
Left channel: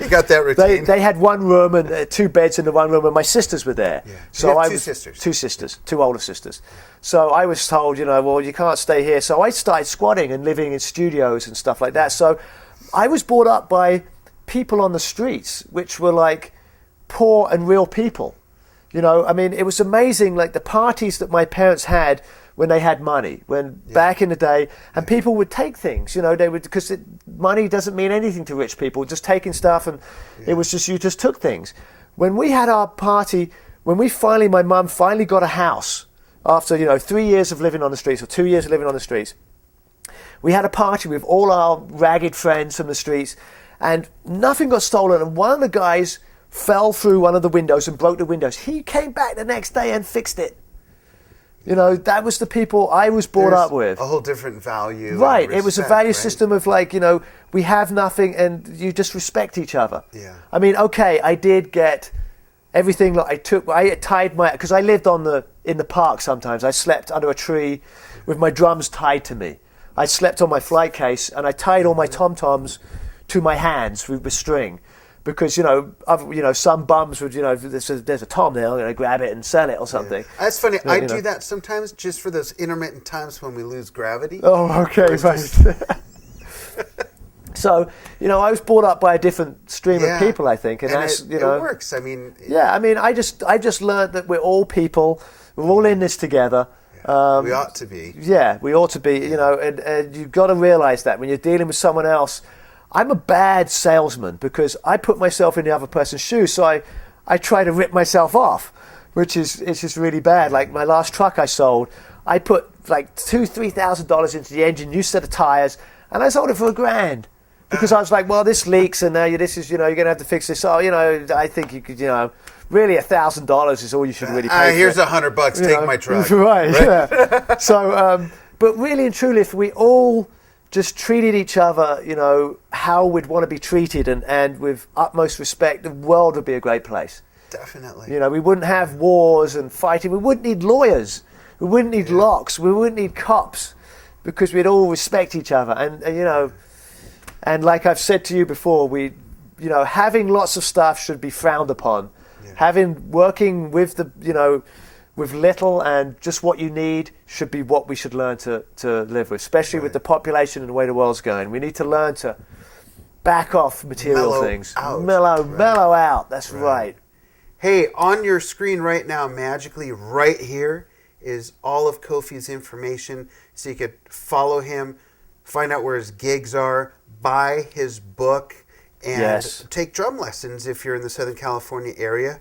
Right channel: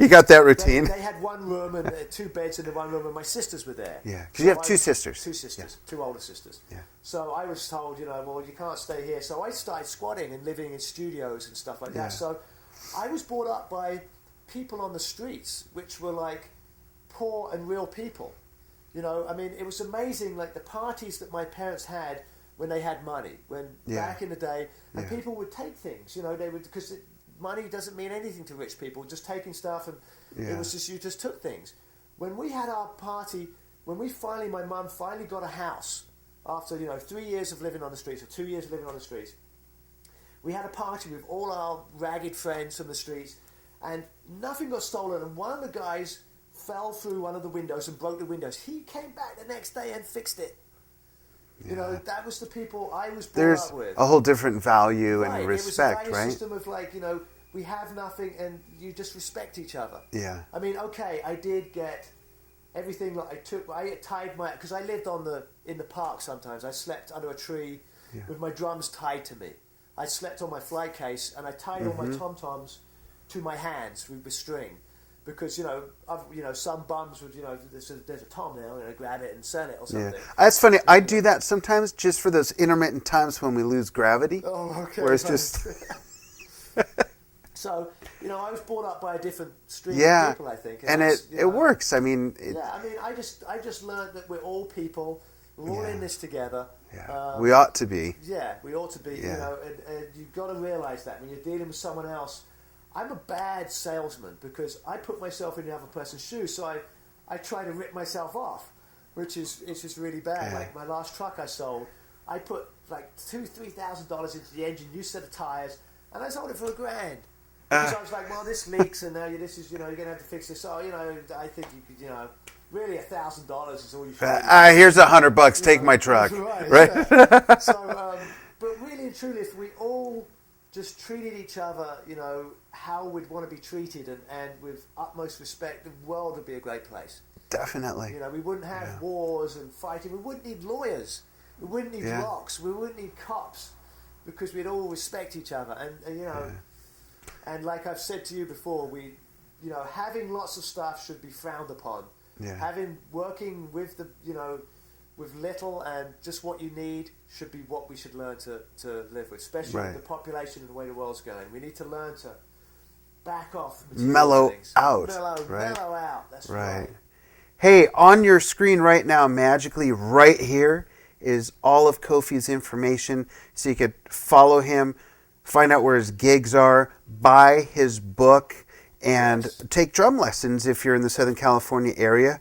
you got that routine. They had one room and 2 beds in the one room, and my sisters were there. Yeah. So you have 2 sisters. 2 sisters, 2 older sisters. Yeah. So I was told, well, you can't stay here. So I started squatting and living in studios and stuff like that. Yeah. So I was brought up by people on the streets, which were poor and real people. It was amazing, the parties that my parents had when they had money, back in the day, and people would take things, they would, because money doesn't mean anything to rich people, just taking stuff, and it was just, you just took things. When we had our party, my mum finally got a house, after, 3 years of living on the streets, or 2 years of living on the streets, we had a party with all our ragged friends from the streets, and nothing got stolen, and one of the guys fell through one of the windows and broke the windows. He came back the next day and fixed it. You know, that was the people I was brought up with. A whole different value. Right. And respect, it was a value right? system of like, you know, we have nothing and you just respect each other. Yeah. I mean, okay, I did get everything that I tied because I lived in the park sometimes. I slept under a tree with my drums tied to me. I slept on my flight case and I tied all my tom-toms to my hands with string. Because, you know, some bums would, you know, there's a tom there, I'm going to grab it and sell it or something. Yeah. That's funny. I do that sometimes just for those intermittent times when we lose gravity. Oh, okay. Just... So, you know, I was brought up by a different stream of people, I think. And it works. I mean... I just learned that we're all people. We're all in this together. Yeah. We ought to be. Yeah, we ought to be, you know, and you've got to realize that when you're dealing with someone else. I'm a bad salesman because I put myself in the other person's shoes, so I try to rip myself off, which is just really bad. Like my last truck I sold, I put like $2,000-$3,000 into the engine, new set of tires, and I sold it for $1,000 because I was like, well, this leaks, and this is, you know, you're gonna have to fix this. Oh, you know, I think you could, you know, really $1,000 is all you should really pay. Here's $100, take my truck. Right. Yeah. So, but really and truly, if we all just treated each other, you know, how we'd want to be treated and with utmost respect, the world would be a great place. Definitely. You know, we wouldn't have wars and fighting. We wouldn't need lawyers. We wouldn't need locks. We wouldn't need cops because we'd all respect each other. And you know, and like I've said to you before, having lots of stuff should be frowned upon. Yeah. Working with with little and just what you need should be what we should learn to live with, especially with the population and the way the world's going. We need to learn to back off material things. Mellow out. That's right. Hey, on your screen right now, magically right here, is all of Kofi's information, so you could follow him, find out where his gigs are, buy his book, and take drum lessons if you're in the Southern California area,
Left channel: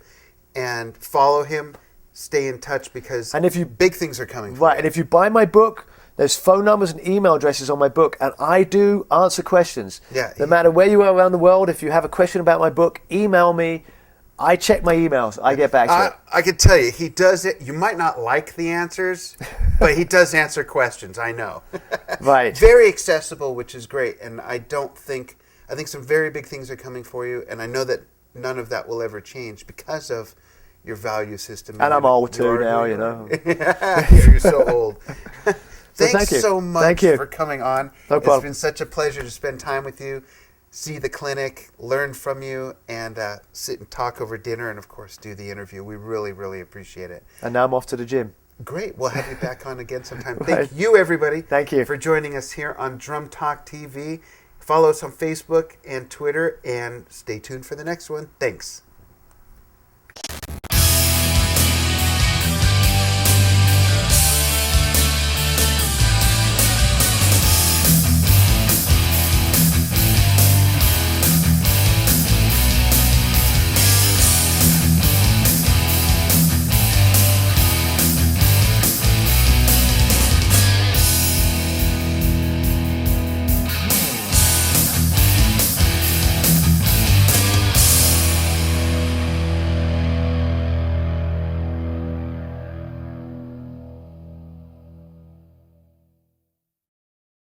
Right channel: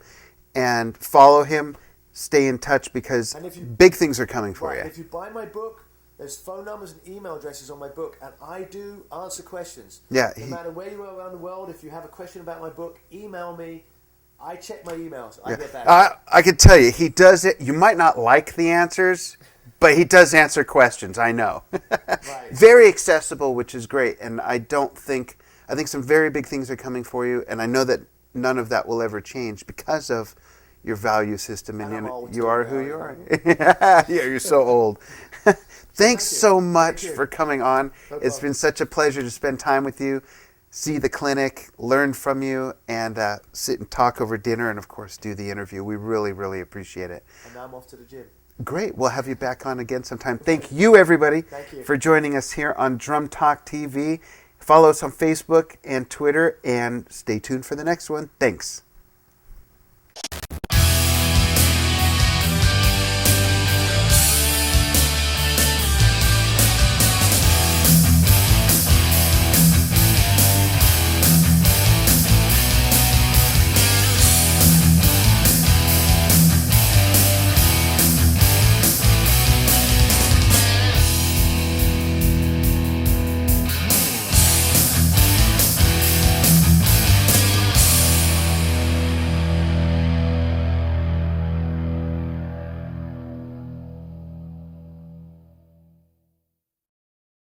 and follow him. Stay in touch because big things are coming for you. And if you buy my book, there's phone numbers and email addresses on my book, and I do answer questions. Yeah. No matter where you are around the world, if you have a question about my book, email me. I check my emails. I get back to you. I can tell you, he does it. You might not like the answers, but he does answer questions. I know. Right. Very accessible, which is great. And I think some very big things are coming for you, and I know that none of that will ever change because of your value system. And I'm old too now, you know. Yeah, you're so old. Thanks so much for coming on. No It's been such a pleasure to spend time with you, see the clinic, learn from you, and sit and talk over dinner, and of course do the interview. We really, really appreciate it. And now I'm off to the gym. Great. We'll have you back on again sometime. Thank you, everybody. Thank you for joining us here on Drum Talk TV. Follow us on Facebook and Twitter, and stay tuned for the next one. Thanks.